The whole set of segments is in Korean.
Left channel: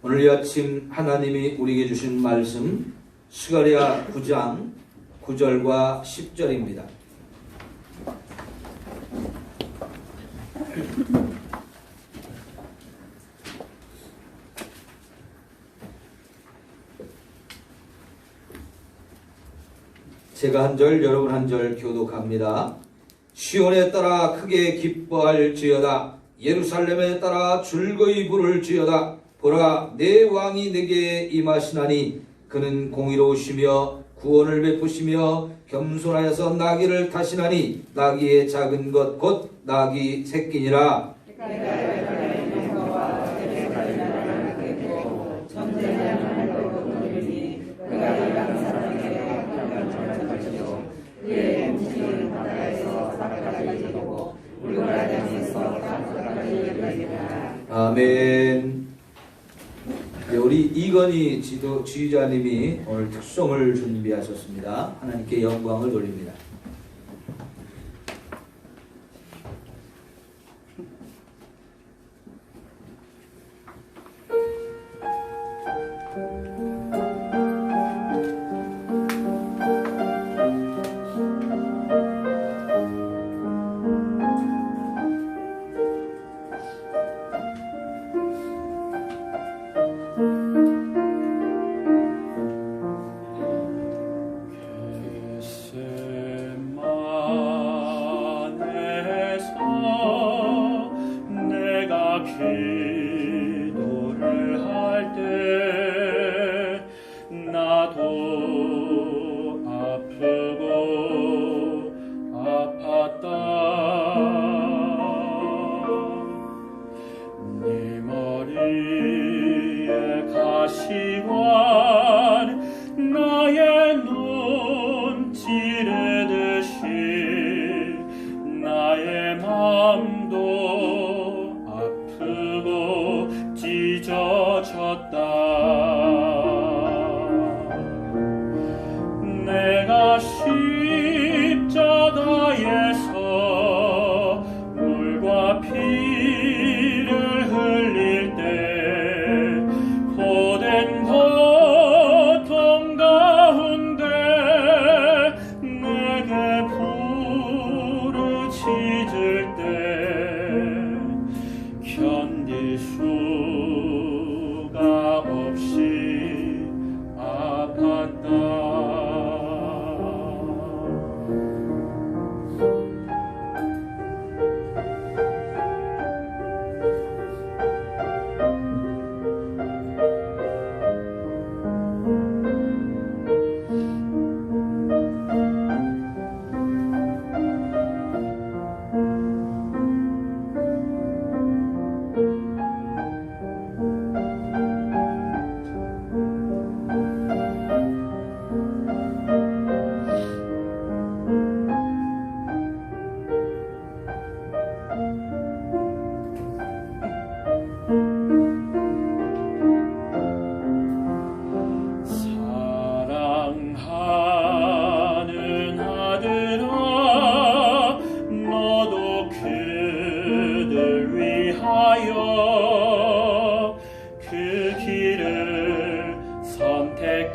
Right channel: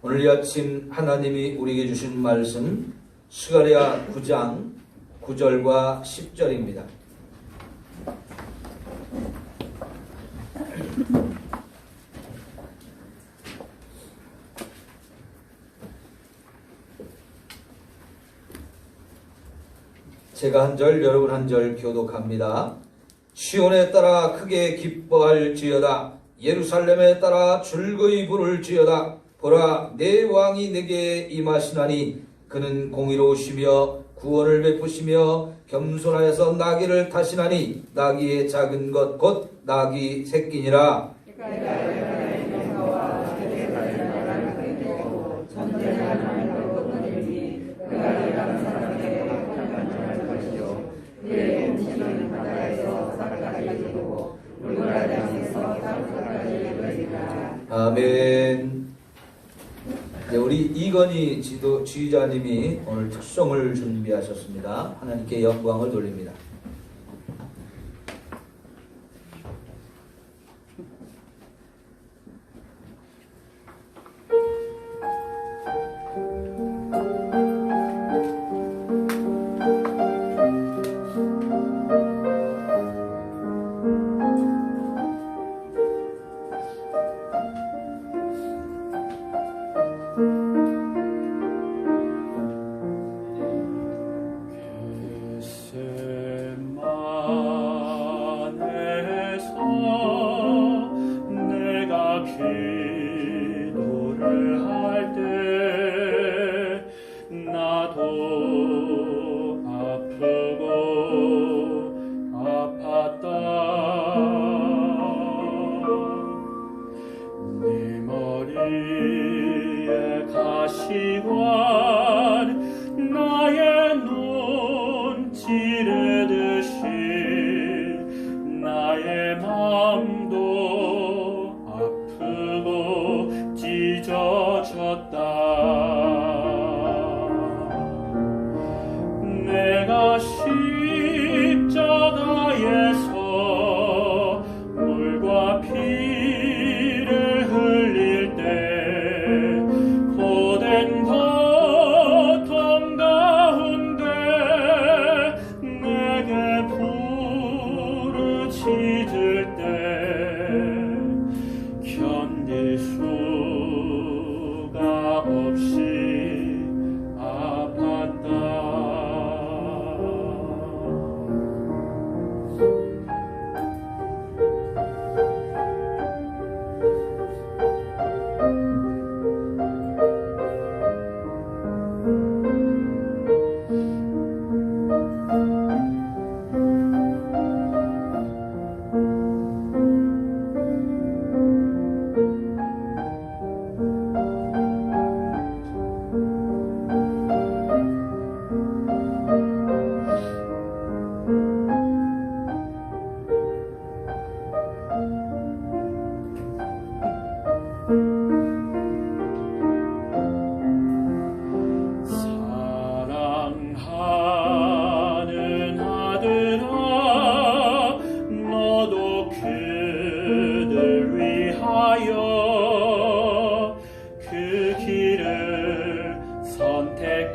오늘 이 아침 하나님이 우리에게 주신 말씀 스가랴 9장 9절과 10절입니다. 제가 한 절, 여러분 한 절 교독합니다. 시온에 따라 크게 기뻐할지어다. 예루살렘에 따라 즐거이 부를지어다. 보라, 내 왕이 내게 임하시나니 그는 공의로우시며 구원을 베푸시며 겸손하여서 나귀를 타시나니 나귀의 작은 것 곧 나귀 새끼니라. 아멘. 우리 이건희 지휘자님이 오늘 특송을 준비하셨습니다. 하나님께 영광을 돌립니다. 내가 십자가에서 물과 피를 흘릴 때 고된 고통 가운데 내게 부르짖을 때 견딜 수가 없이 아팠다.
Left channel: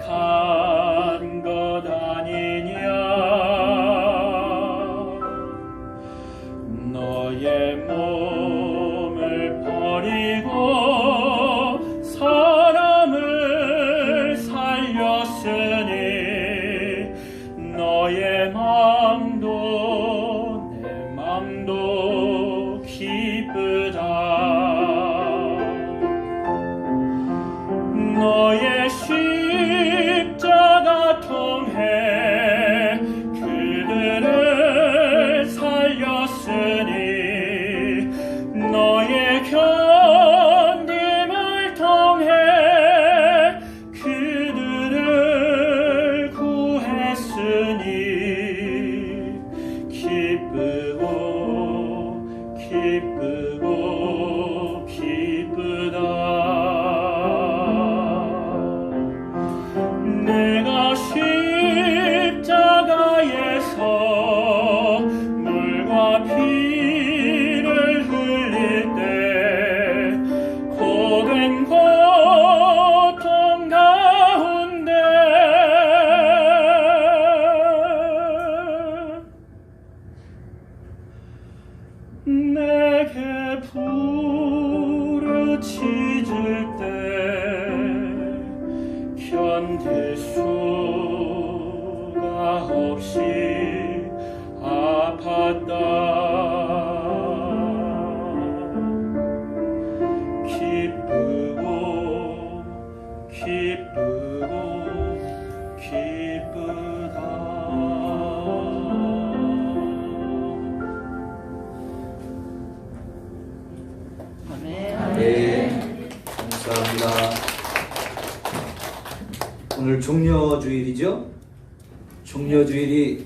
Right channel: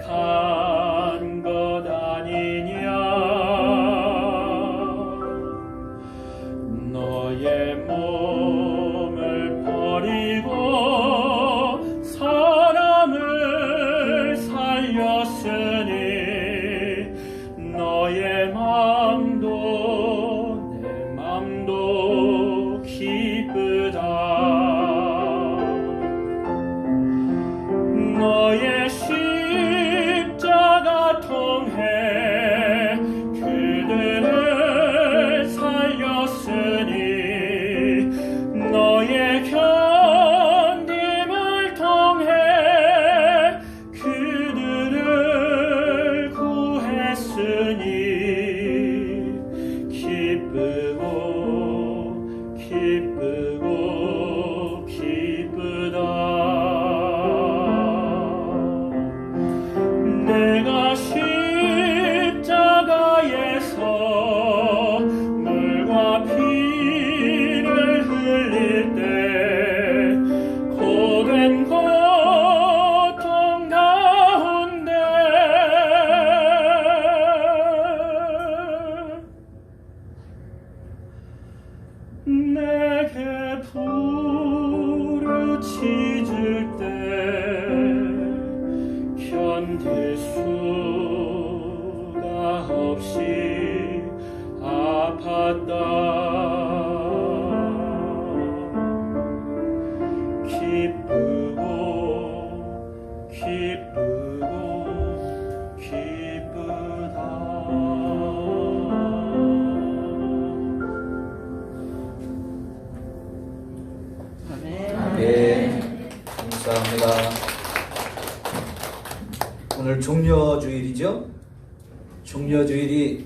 선택한 것 아니냐. 너의 몸을 버리고 사람을 살렸으니 너의 맘도 내 맘도 기쁘다. 너의 십자가 통해 그들을 살렸으니 너의 견딤을 통해 그들을 구했으니 기쁘고 기쁘고 기쁘다. 내가 십자가에서 물과 피를 흘릴 때 고된 것 찢을 때 견딜 수가 없이 아팠다. 기쁘고 기쁘다. 네, 감사합니다. 오늘 종려주일이죠? 종려주일이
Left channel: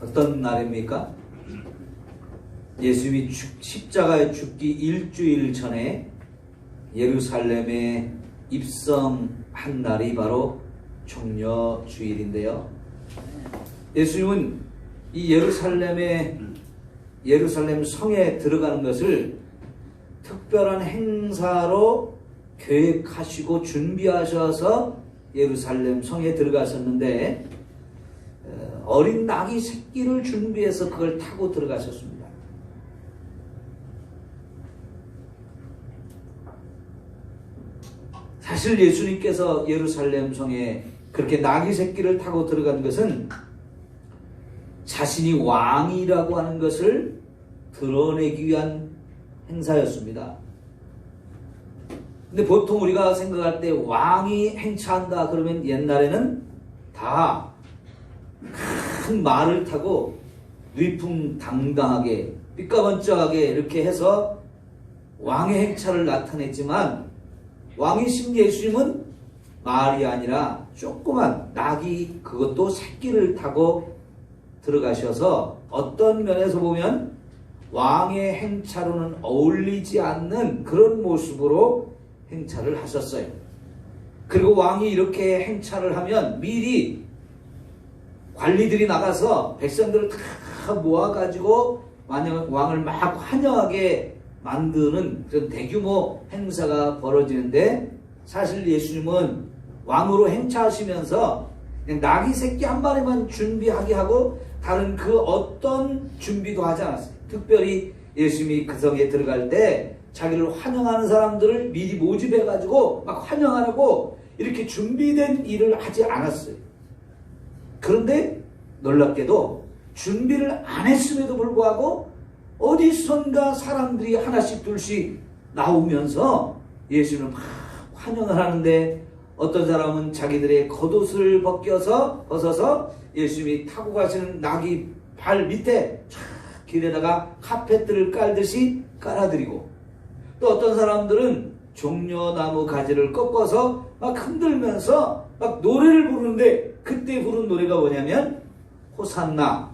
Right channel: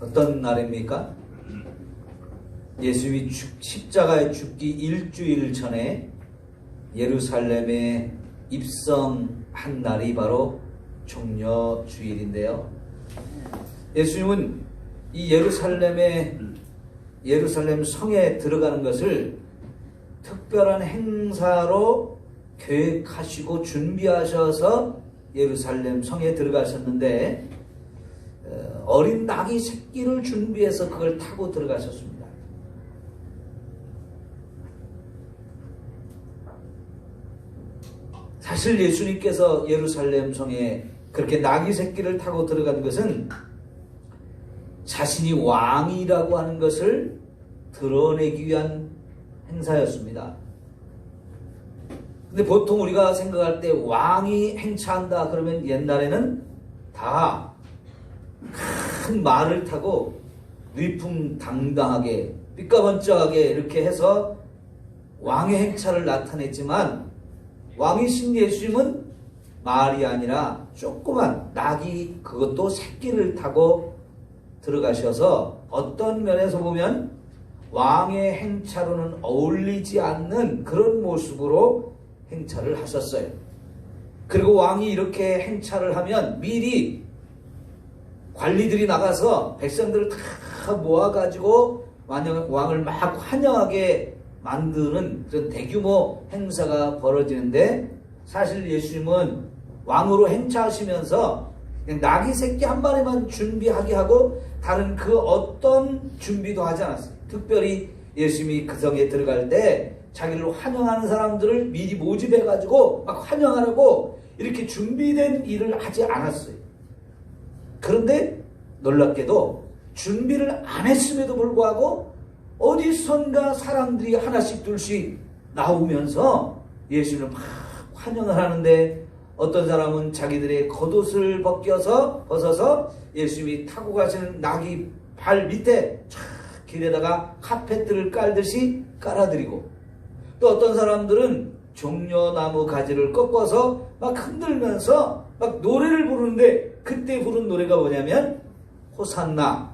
어떤 날입니까? 예수님이 십자가에 죽기 일주일 전에 예루살렘에 입성한 날이 바로 종려주일인데요. 예수님은 이 예루살렘 성에 들어가는 것을 특별한 행사로 계획하시고 준비하셔서 예루살렘 성에 들어가셨는데 어린 낙이 새끼를 준비해서 그걸 타고 들어가셨습니다. 사실 예수님께서 예루살렘 성에 그렇게 낙이 새끼를 타고 들어간 것은 자신이 왕이라고 하는 것을 드러내기 위한 행사였습니다. 근데 보통 우리가 생각할 때 왕이 행차한다 그러면 옛날에는 다 큰 말을 타고 위풍당당하게 삐까번쩍하게 이렇게 해서 왕의 행차를 나타냈지만 왕이신 예수님은 말이 아니라 조그만 낙이 그것도 새끼를 타고 들어가셔서 어떤 면에서 보면 왕의 행차로는 어울리지 않는 그런 모습으로 행차를 하셨어요. 그리고 왕이 이렇게 행차를 하면 미리 관리들이 나가서 백성들을 다 모아가지고 왕을 막 환영하게 만드는 그런 대규모 행사가 벌어지는데 사실 예수님은 왕으로 행차하시면서 그냥 낙이 새끼 한 마리만 준비하게 하고 다른 그 어떤 준비도 하지 않았어요. 특별히 예수님이 그 성에 들어갈 때 자기를 환영하는 사람들을 미리 모집해가지고 막 환영하라고 이렇게 준비된 일을 하지 않았어요. 그런데 놀랍게도 준비를 안 했음에도 불구하고 어디선가 사람들이 하나씩 둘씩 나오면서 예수님을 막 환영을 하는데 어떤 사람은 자기들의 겉옷을 벗어서 예수님이 타고 가시는 낙이 발 밑에 쫙 길에다가 카펫들을 깔듯이 깔아드리고 또 어떤 사람들은 종려나무 가지를 꺾어서 막 흔들면서 막 노래를 부르는데 그때 부른 노래가 뭐냐면 호산나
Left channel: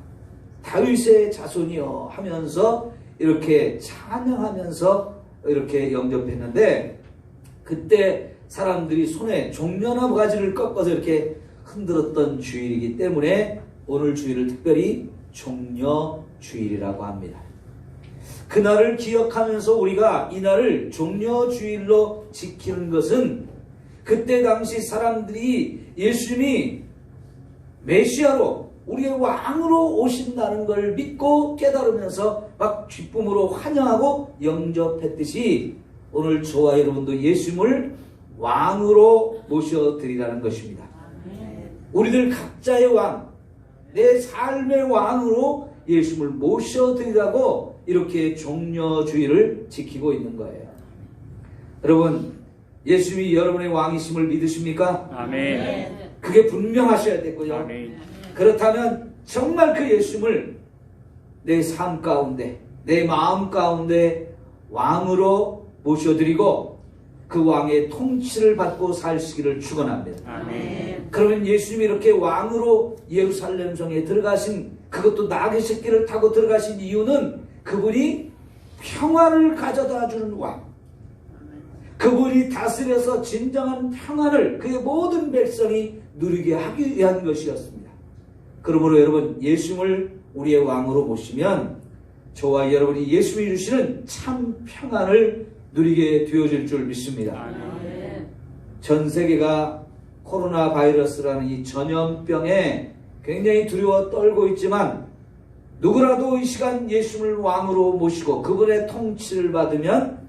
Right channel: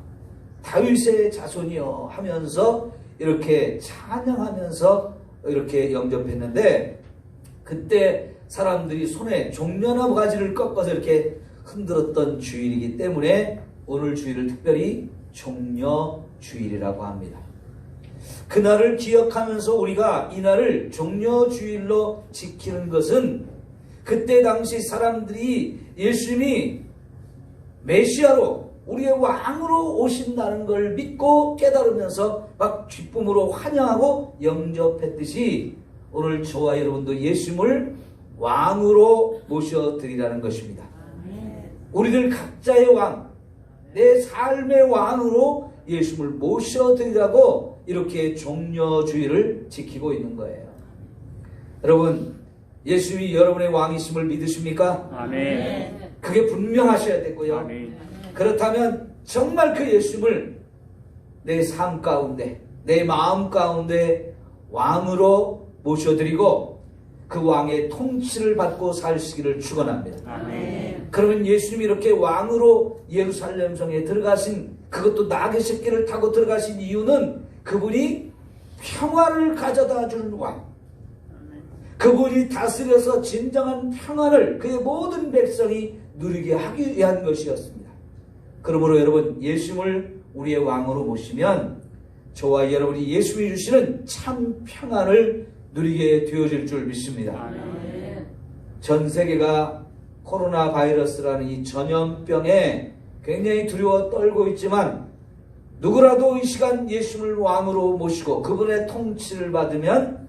다윗의 자손이여 하면서 이렇게 찬양하면서 이렇게 영접했는데 그때 사람들이 손에 종려나무 가지를 꺾어서 이렇게 흔들었던 주일이기 때문에 오늘 주일을 특별히 종려주일이라고 합니다. 그날을 기억하면서 우리가 이날을 종려주일로 지키는 것은 그때 당시 사람들이 예수님이 메시아로 우리의 왕으로 오신다는 걸 믿고 깨달으면서 막 기쁨으로 환영하고 영접했듯이 오늘 저와 여러분도 예수님을 왕으로 모셔드리라는 것입니다. 우리들 각자의 왕, 내 삶의 왕으로 예수님을 모셔드리라고 이렇게 종려주의를 지키고 있는 거예요. 여러분, 예수님이 여러분의 왕이심을 믿으십니까? 아멘. 그게 분명하셔야 되고요. 아멘. 그렇다면 정말 그 예수님을 내 삶 가운데, 내 마음 가운데 왕으로 모셔드리고 그 왕의 통치를 받고 사시기를 축원합니다. 아멘. 그러면 예수님이 이렇게 왕으로 예루살렘 성에 들어가신 그것도 낙의 새끼를 타고 들어가신 이유는 그분이 평화를 가져다 주는 왕, 그분이 다스려서 진정한 평화를 그의 모든 백성이 누리게 하기 위한 것이었습니다. 그러므로 여러분 예수님을 우리의 왕으로 모시면 저와 여러분이 예수님이 주시는 참 평안을 누리게 되어질 줄 믿습니다. 전 세계가 코로나 바이러스라는 이 전염병에 굉장히 두려워 떨고 있지만 누구라도 이 시간 예수님을 왕으로 모시고 그분의 통치를 받으면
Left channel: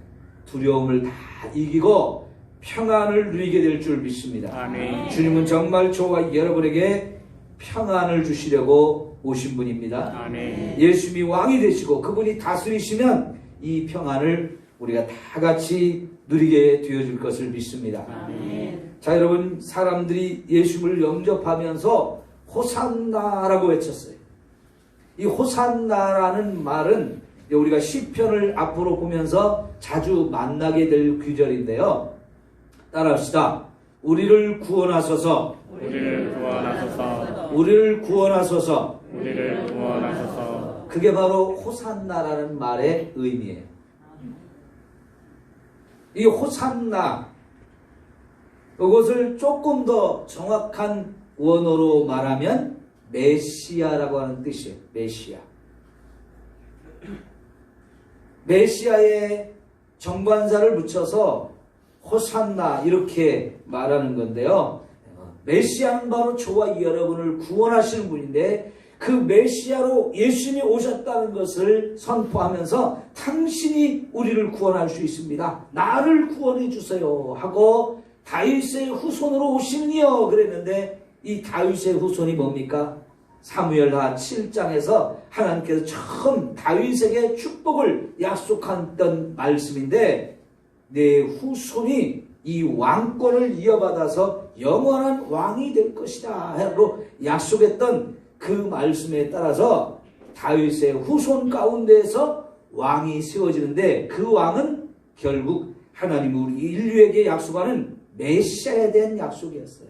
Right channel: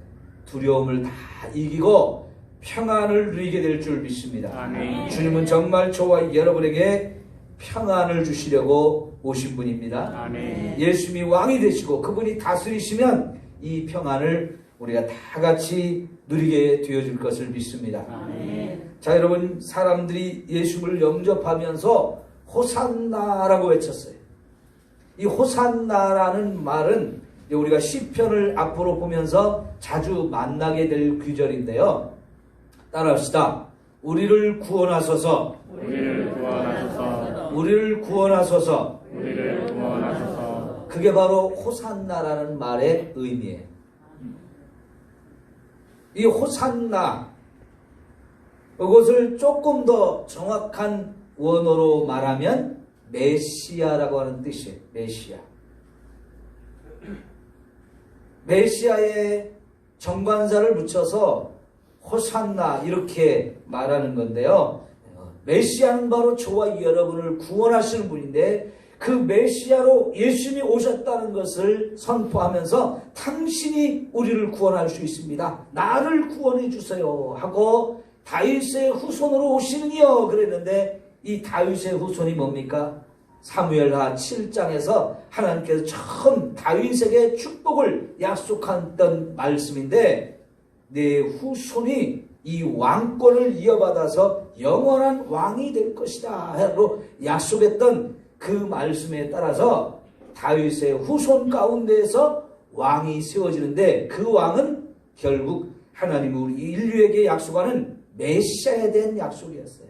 두려움을 다 이기고 평안을 누리게 될 줄 믿습니다. 아멘. 주님은 정말 저와 여러분에게 평안을 주시려고 오신 분입니다. 아멘. 예수님이 왕이 되시고 그분이 다스리시면 이 평안을 우리가 다 같이 누리게 되어질 것을 믿습니다. 아멘. 자, 여러분, 사람들이 예수를 영접하면서 호산나라고 외쳤어요. 이 호산나라는 말은 우리가 시편을 앞으로 보면서 자주 만나게 될 구절인데요. 따라합시다. 우리를 구원하소서. 우리를 구원하소서. 우리를 구원하소서. 우리를 구원하소서. 그게 바로 호산나라는 말의 의미예요. 이 호산나, 이것을 조금 더 정확한 원어로 말하면 메시아라고 하는 뜻이에요. 메시아. 메시아의 정관사를 붙여서 호산나 이렇게 말하는 건데요. 메시아는 바로 저와 여러분을 구원하시는 분인데 그 메시아로 예수님이 오셨다는 것을 선포하면서 당신이 우리를 구원할 수 있습니다. 나를 구원해 주세요 하고 다윗의 후손으로 오시느니요 그랬는데 이 다윗의 후손이 뭡니까? 사무엘하 7장에서 하나님께서 처음 다윗에게 축복을 약속했던 말씀인데 내 후손이 이 왕권을 이어받아서 영원한 왕이 될 것이다 하고 약속했던 그 말씀에 따라서 다윗의 후손 가운데에서 왕이 세워지는데 그 왕은 결국 하나님 우리 인류에게 약속하는 메시아에 대한 약속이었어요.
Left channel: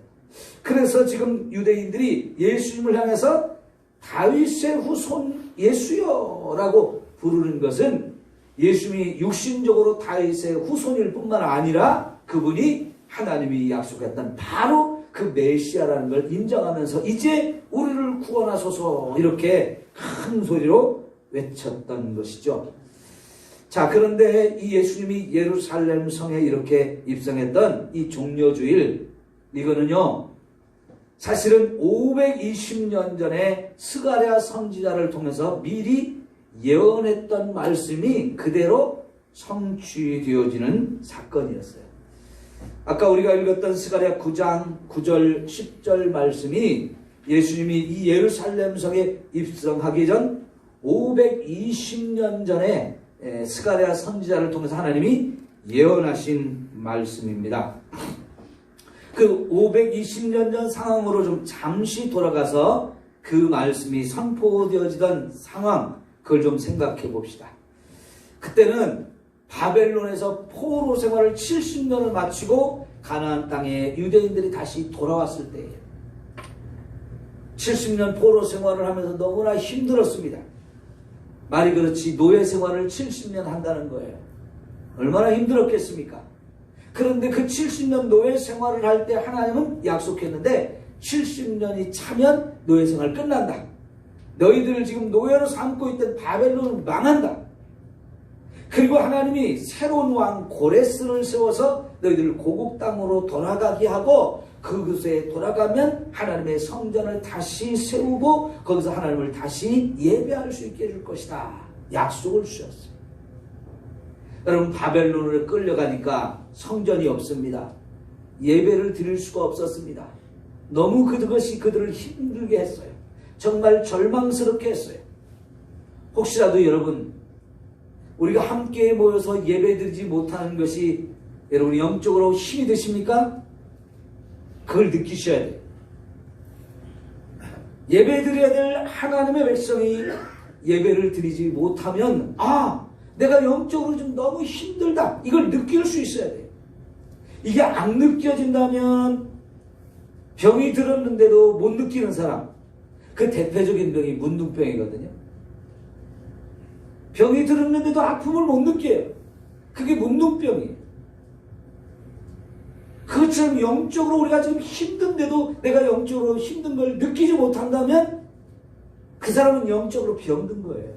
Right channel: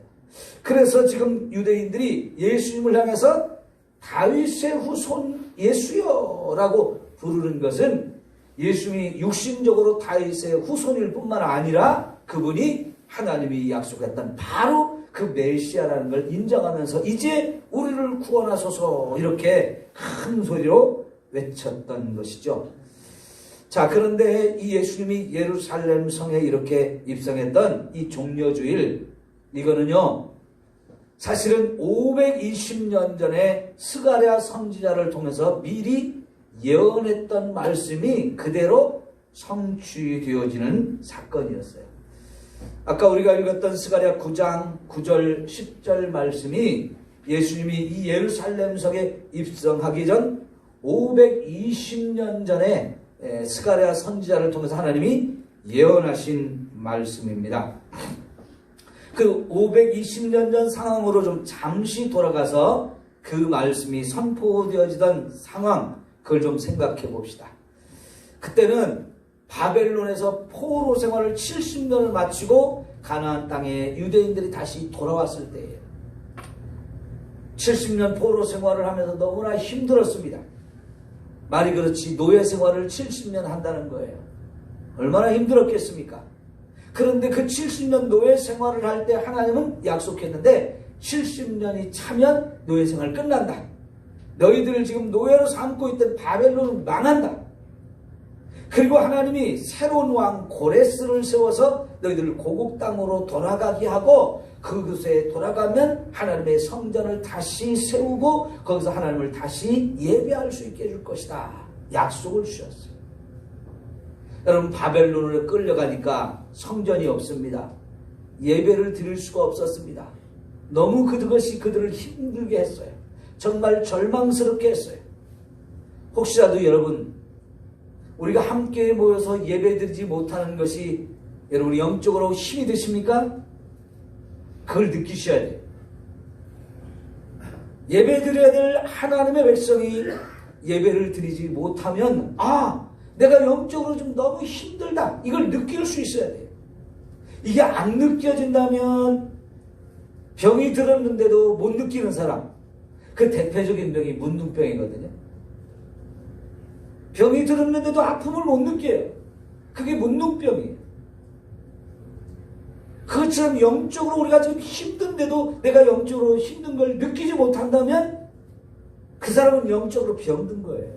그래서 지금 유대인들이 예수님을 향해서 다윗의 후손 예수여 라고 부르는 것은 예수님이 육신적으로 다윗의 후손일 뿐만 아니라 그분이 하나님이 약속했던 바로 그 메시아라는 걸 인정하면서 이제 우리를 구원하소서 이렇게 큰 소리로 외쳤던 것이죠. 자, 그런데 이 예수님이 예루살렘 성에 이렇게 입성했던 이 종려주일, 이거는요 사실은 520년 전에 스가랴 선지자를 통해서 미리 예언했던 말씀이 그대로 성취되어지는 사건이었어요. 아까 우리가 읽었던 스가랴 9장 9절 10절 말씀이 예수님이 이 예루살렘 성에 입성하기 전 520년 전에 스가랴 선지자를 통해서 하나님이 예언하신 말씀입니다. 그 520년 전 상황으로 좀 잠시 돌아가서 그 말씀이 선포되어지던 상황, 그걸 좀 생각해 봅시다. 그때는 바벨론에서 포로 생활을 70년을 마치고 가나안 땅에 유대인들이 다시 돌아왔을 때예요. 70년 포로 생활을 하면서 너무나 힘들었습니다. 말이 그렇지 노예 생활을 70년 한다는 거예요. 얼마나 힘들었겠습니까? 그런데 그 70년 노예 생활을 할 때 하나님은 약속했는데 70년이 차면 노예 생활 끝난다. 너희들을 지금 노예로 삼고 있던 바벨론은 망한다. 그리고 하나님이 새로운 왕 고레스를 세워서 너희들을 고국 땅으로 돌아가게 하고 그곳에 돌아가면 하나님의 성전을 다시 세우고 거기서 하나님을 다시 예배할 수 있게 해줄 것이다. 약속을 주셨어요. 여러분, 바벨론으로 끌려가니까 성전이 없습니다. 예배를 드릴 수가 없었습니다. 너무 그것이 그들을 힘들게 했어요. 정말 절망스럽게 했어요. 혹시라도 여러분, 우리가 함께 모여서 예배드리지 못하는 것이 여러분이 영적으로 힘이 되십니까? 그걸 느끼셔야 돼요. 예배드려야 될 하나님의 백성이 예배를 드리지 못하면 내가 영적으로 좀 너무 힘들다. 이걸 느낄 수 있어야 돼요. 이게 안 느껴진다면 병이 들었는데도 못 느끼는 사람, 그 대표적인 병이 문둥병이거든요. 병이 들었는데도 아픔을 못 느껴요. 그게 문둥병이에요. 그것처럼 영적으로 우리가 지금 힘든데도 내가 영적으로 힘든 걸 느끼지 못한다면 그 사람은 영적으로 병든 거예요.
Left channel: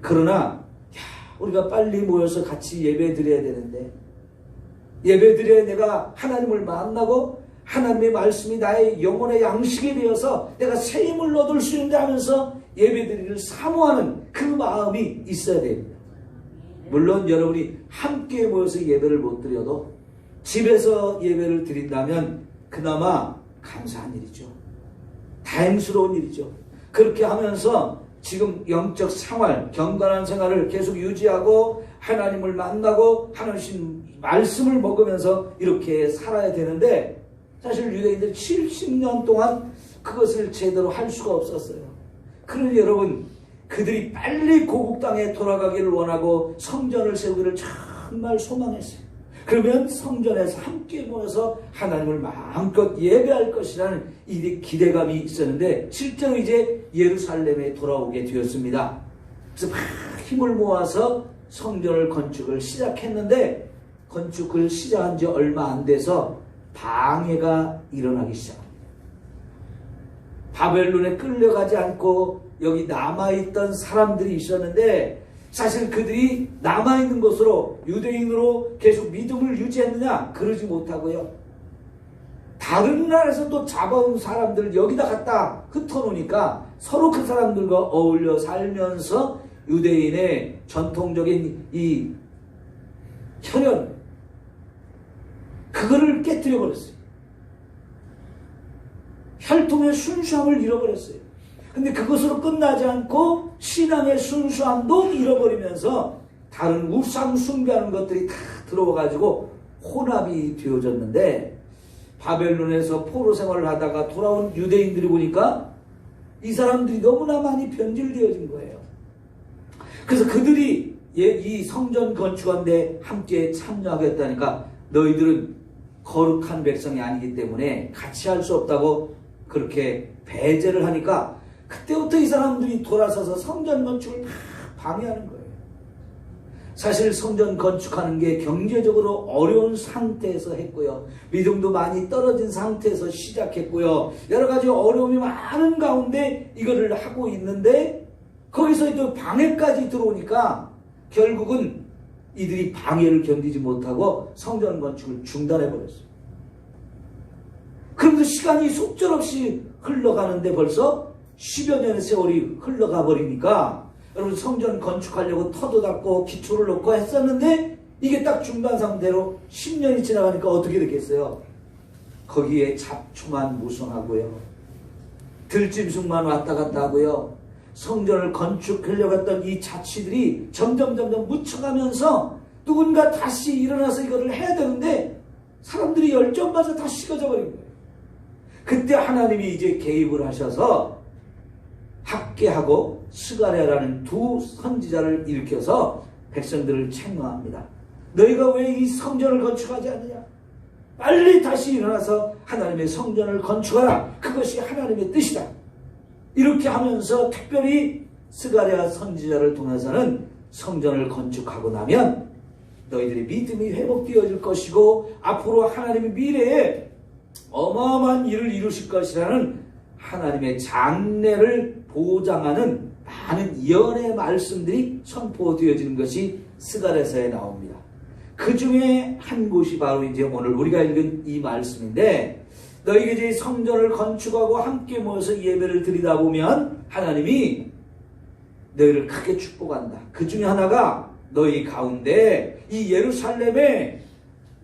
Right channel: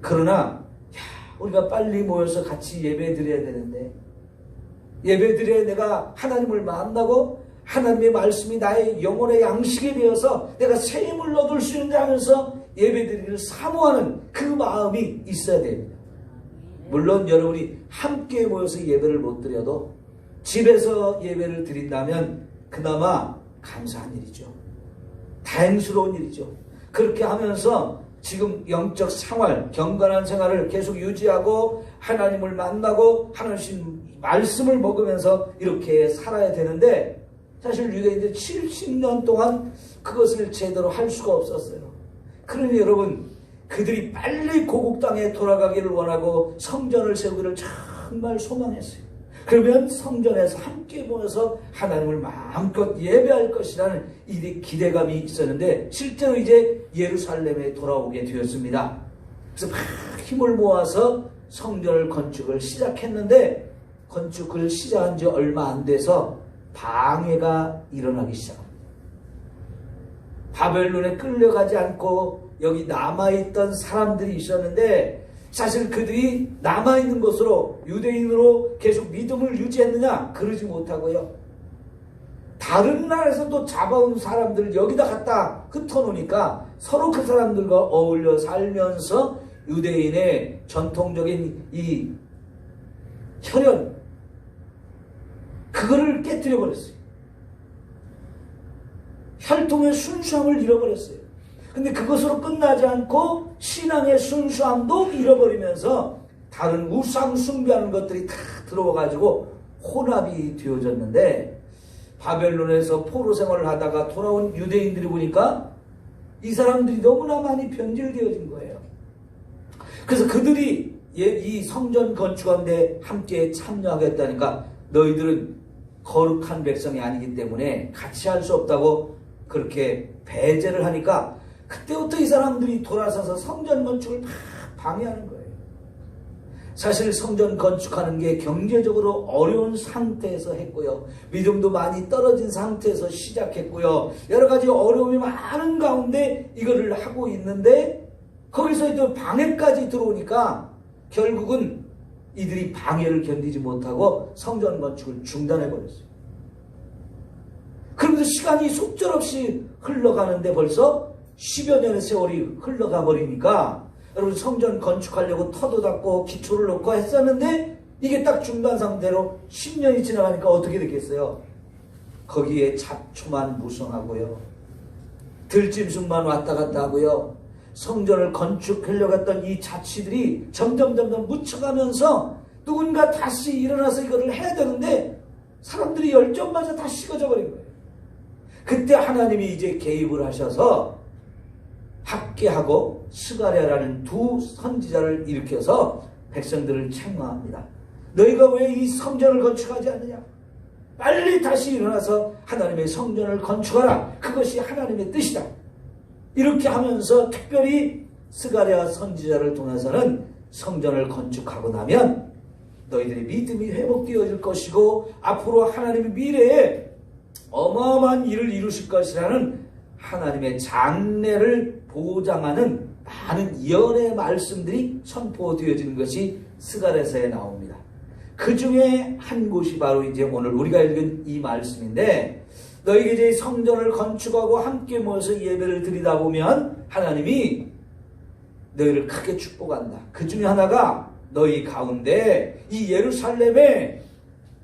그러나 우리가 빨리 모여서 같이 예배 드려야 되는데, 예배 드려야 내가 하나님을 만나고 하나님의 말씀이 나의 영혼의 양식이 되어서 내가 새 힘을 얻을 수 있는데 하면서 예배 드리기를 사모하는 그 마음이 있어야 됩니다. 물론 여러분이 함께 모여서 예배를 못 드려도 집에서 예배를 드린다면 그나마 감사한 일이죠. 다행스러운 일이죠. 그렇게 하면서 지금 영적 생활, 경건한 생활을 계속 유지하고 하나님을 만나고 하나님 말씀을 먹으면서 이렇게 살아야 되는데 사실 유대인들 70년 동안 그것을 제대로 할 수가 없었어요. 그러니 여러분 그들이 빨리 고국 땅에 돌아가기를 원하고 성전을 세우기를 정말 소망했어요. 그러면 성전에서 함께 모여서 하나님을 마음껏 예배할 것이라는 이 기대감이 있었는데 실제로 이제 예루살렘에 돌아오게 되었습니다. 그래서 막 힘을 모아서 성전을 건축을 시작했는데 건축을 시작한 지 얼마 안 돼서 방해가 일어나기 시작합니다. 바벨론에 끌려가지 않고 여기 남아있던 사람들이 있었는데 사실 그들이 남아있는 것으로 유대인으로 계속 믿음을 유지했느냐? 그러지 못하고요. 다른 나라에서 또 잡아온 사람들을 여기다 갖다 흩어놓으니까 서로 그 사람들과 어울려 살면서 유대인의 전통적인 이 혈연 그거를 깨뜨려 버렸어요. 혈통의 순수함을 잃어버렸어요. 근데 그것으로 끝나지 않고 신앙의 순수함도 잃어버리면서 다른 우상 숭배하는 것들이 다 들어와가지고 혼합이 되어졌는데 바벨론에서 포로 생활을 하다가 돌아온 유대인들이 보니까 이 사람들이 너무나 많이 변질되어진 거예요. 그래서 그들이 이 성전 건축하는데 함께 참여하겠다니까 너희들은 거룩한 백성이 아니기 때문에 같이 할 수 없다고 그렇게 배제를 하니까 그때부터 이 사람들이 돌아서서 성전 건축을 다 방해하는 거예요. 사실 성전 건축하는 게 경제적으로 어려운 상태에서 했고요. 믿음도 많이 떨어진 상태에서 시작했고요. 여러 가지 어려움이 많은 가운데 이거를 하고 있는데 거기서 또 방해까지 들어오니까 결국은 이들이 방해를 견디지 못하고 성전 건축을 중단해버렸어요. 그러면서 시간이 속절없이 흘러가는데 벌써 10여 년의 세월이 흘러가 버리니까 여러분 성전 건축하려고 터도 닦고 기초를 놓고 했었는데 이게 딱 중단 상태로 10년이 지나가니까 어떻게 됐겠어요? 거기에 잡초만 무성하고요. 들짐승만 왔다 갔다 하고요. 성전을 건축하려고 했던 이 자취들이 점점 묻혀가면서 누군가 다시 일어나서 이것을 해야 되는데 사람들이 열정마저 다 식어져 버린 거예요. 그때 하나님이 이제 개입을 하셔서 학개하고 스가랴라는 두 선지자를 일으켜서 백성들을 책망합니다. 너희가 왜 이 성전을 건축하지 않느냐? 빨리 다시 일어나서 하나님의 성전을 건축하라. 그것이 하나님의 뜻이다. 이렇게 하면서 특별히 스가랴 선지자를 통해서는 성전을 건축하고 나면 너희들의 믿음이 회복되어질 것이고 앞으로 하나님의 미래에 어마어마한 일을 이루실 것이라는 하나님의 장래를 보장하는 많은 예언의 말씀들이 선포되어지는 것이 스가랴서에 나옵니다. 그 중에 한 곳이 바로 이제 오늘 우리가 읽은 이 말씀인데 너희가 이제 성전을 건축하고 함께 모여서 예배를 드리다 보면 하나님이 너희를 크게 축복한다. 그 중에 하나가 너희 가운데 이 예루살렘에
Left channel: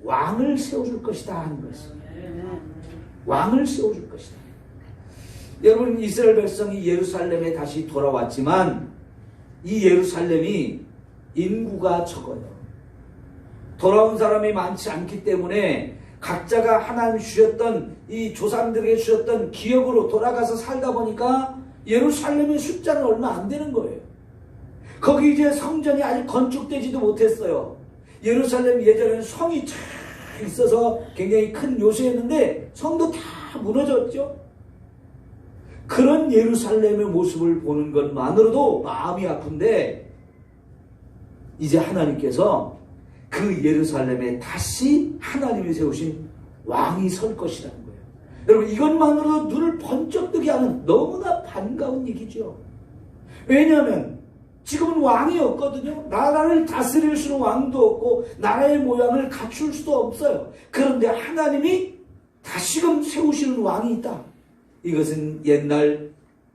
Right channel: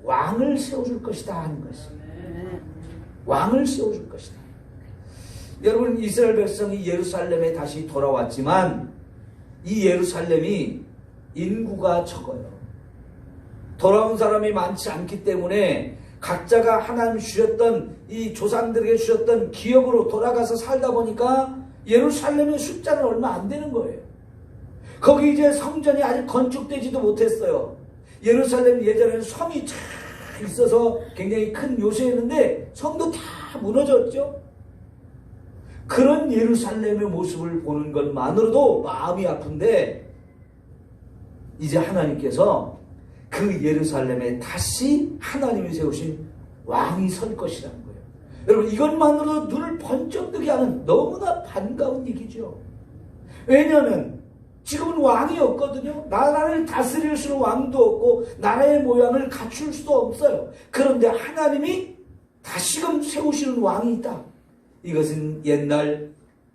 왕을 세워줄 것이다 하는 것입니다. 왕을 세워줄 것이다. 여러분 이스라엘 백성이 예루살렘에 다시 돌아왔지만 이 예루살렘이 인구가 적어요. 돌아온 사람이 많지 않기 때문에 각자가 하나님 주셨던 이 조상들에게 주셨던 기업으로 돌아가서 살다 보니까 예루살렘의 숫자는 얼마 안 되는 거예요. 거기 이제 성전이 아직 건축되지도 못했어요. 예루살렘 예전에는 성이 잘 있어서 굉장히 큰 요새였는데 성도 다 무너졌죠. 그런 예루살렘의 모습을 보는 것만으로도 마음이 아픈데 이제 하나님께서 그 예루살렘에 다시 하나님이 세우신 왕이 설 것이라는 거예요. 여러분 이것만으로도 눈을 번쩍 뜨게 하는 너무나 반가운 얘기죠. 왜냐하면 지금은 왕이 없거든요. 나라를 다스릴 수는 왕도 없고 나라의 모양을 갖출 수도 없어요. 그런데 하나님이 다시금 세우시는 왕이 있다. 이것은 옛날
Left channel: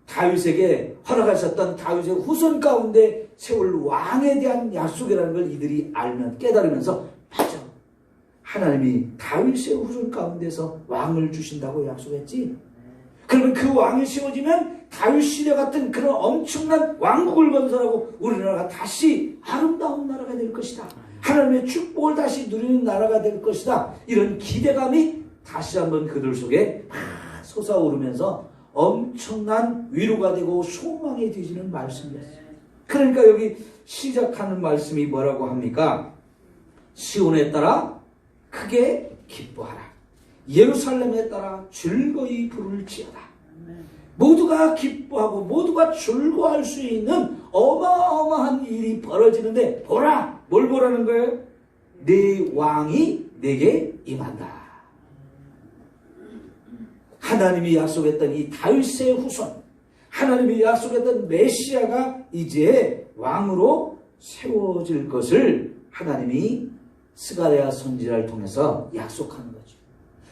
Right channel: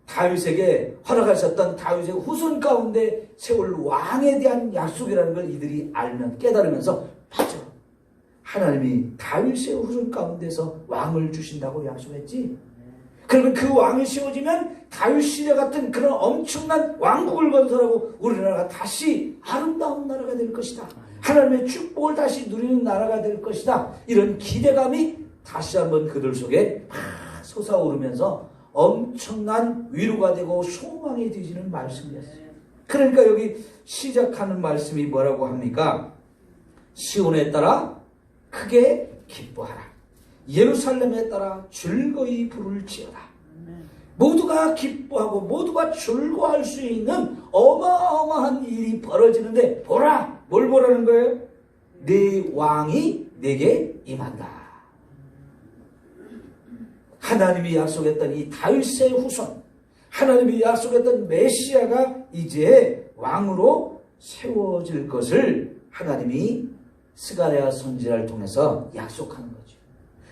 다윗에게 허락하셨던 다윗의 후손 가운데 세울 왕에 대한 약속이라는 걸 이들이 알면 깨달으면서 맞아. 하나님이 다윗의 후손 가운데서 왕을 주신다고 약속했지. 그러면 그 왕이 세워지면 다윗 시대 같은 그런 엄청난 왕국을 건설하고 우리나라가 다시 아름다운 나라가 될 것이다. 하나님의 축복을 다시 누리는 나라가 될 것이다. 이런 기대감이 다시 한번 그들 속에 솟아오르면서 엄청난 위로가 되고 소망이 되지는 말씀이었어요. 그러니까 여기 시작하는 말씀이 뭐라고 합니까? 시온에 따라 크게 기뻐하라. 예루살렘에 따라 즐거이 부를 지어다. 모두가 기뻐하고 모두가 즐거워할 수 있는 어마어마한 일이 벌어지는데 보라! 뭘 보라는 거예요? 네 왕이 내게 임한다. 하나님이 약속했던 이 다윗의 후손, 하나님이 약속했던 메시아가 이제 왕으로 세워질 것을 하나님이 스가랴 선지자를 통해서 약속하는 거죠.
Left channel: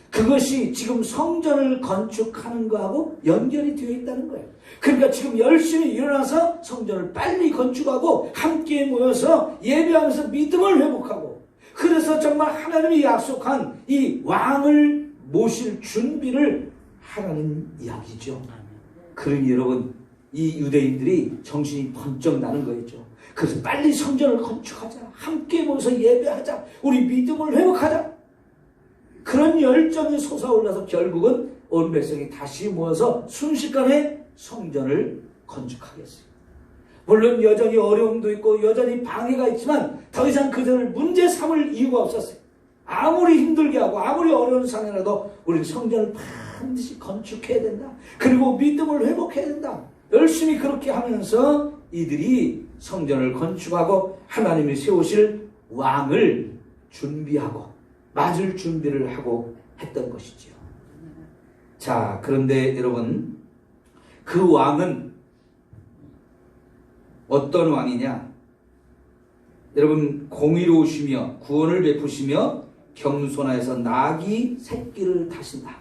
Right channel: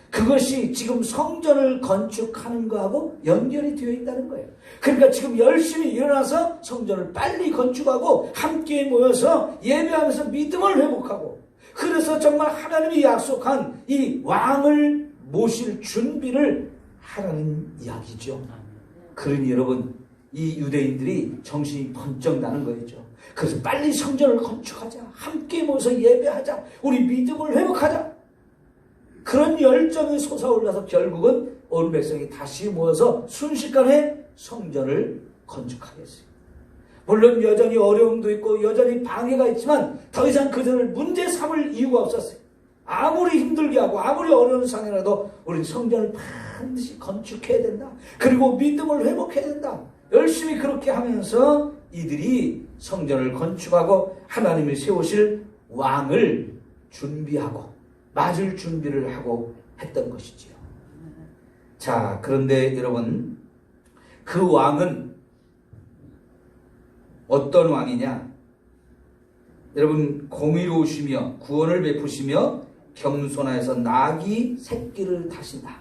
그것이 지금 성전을 건축하는 거하고 연결이 되어 있다는 거예요. 그러니까 지금 열심히 일어나서 성전을 빨리 건축하고 함께 모여서 예배하면서 믿음을 회복하고, 그래서 정말 하나님이 약속한 이 왕을 모실 준비를 하라는 이야기죠. 그러니 여러분, 이 유대인들이 정신이 번쩍 나는 거였죠. 그래서 빨리 성전을 건축하자, 함께 모여서 예배하자, 우리 믿음을 회복하자, 그런 열정이 솟아올라서 결국은 온 백성이 다시 모여서 순식간에 성전을 건축하겠어요. 물론 여전히 어려움도 있고 여전히 방해가 있지만 더 이상 그들을 문제 삼을 이유가 없었어요. 아무리 힘들게 하고 아무리 어려운 상황이라도 우리는 성전을 반드시 건축해야 된다. 그리고 믿음을 회복해야 된다. 열심히 그렇게 하면서 이들이 성전을 건축하고 하나님이 세우실 왕을 준비하고 맞을 준비를 하고 했던 것이지요. 자, 그런데 여러분, 그 왕은 어떤 왕이냐? 여러분, 공의로우시며 구원을 베푸시며 겸손하여서 나귀 새끼를 타신다.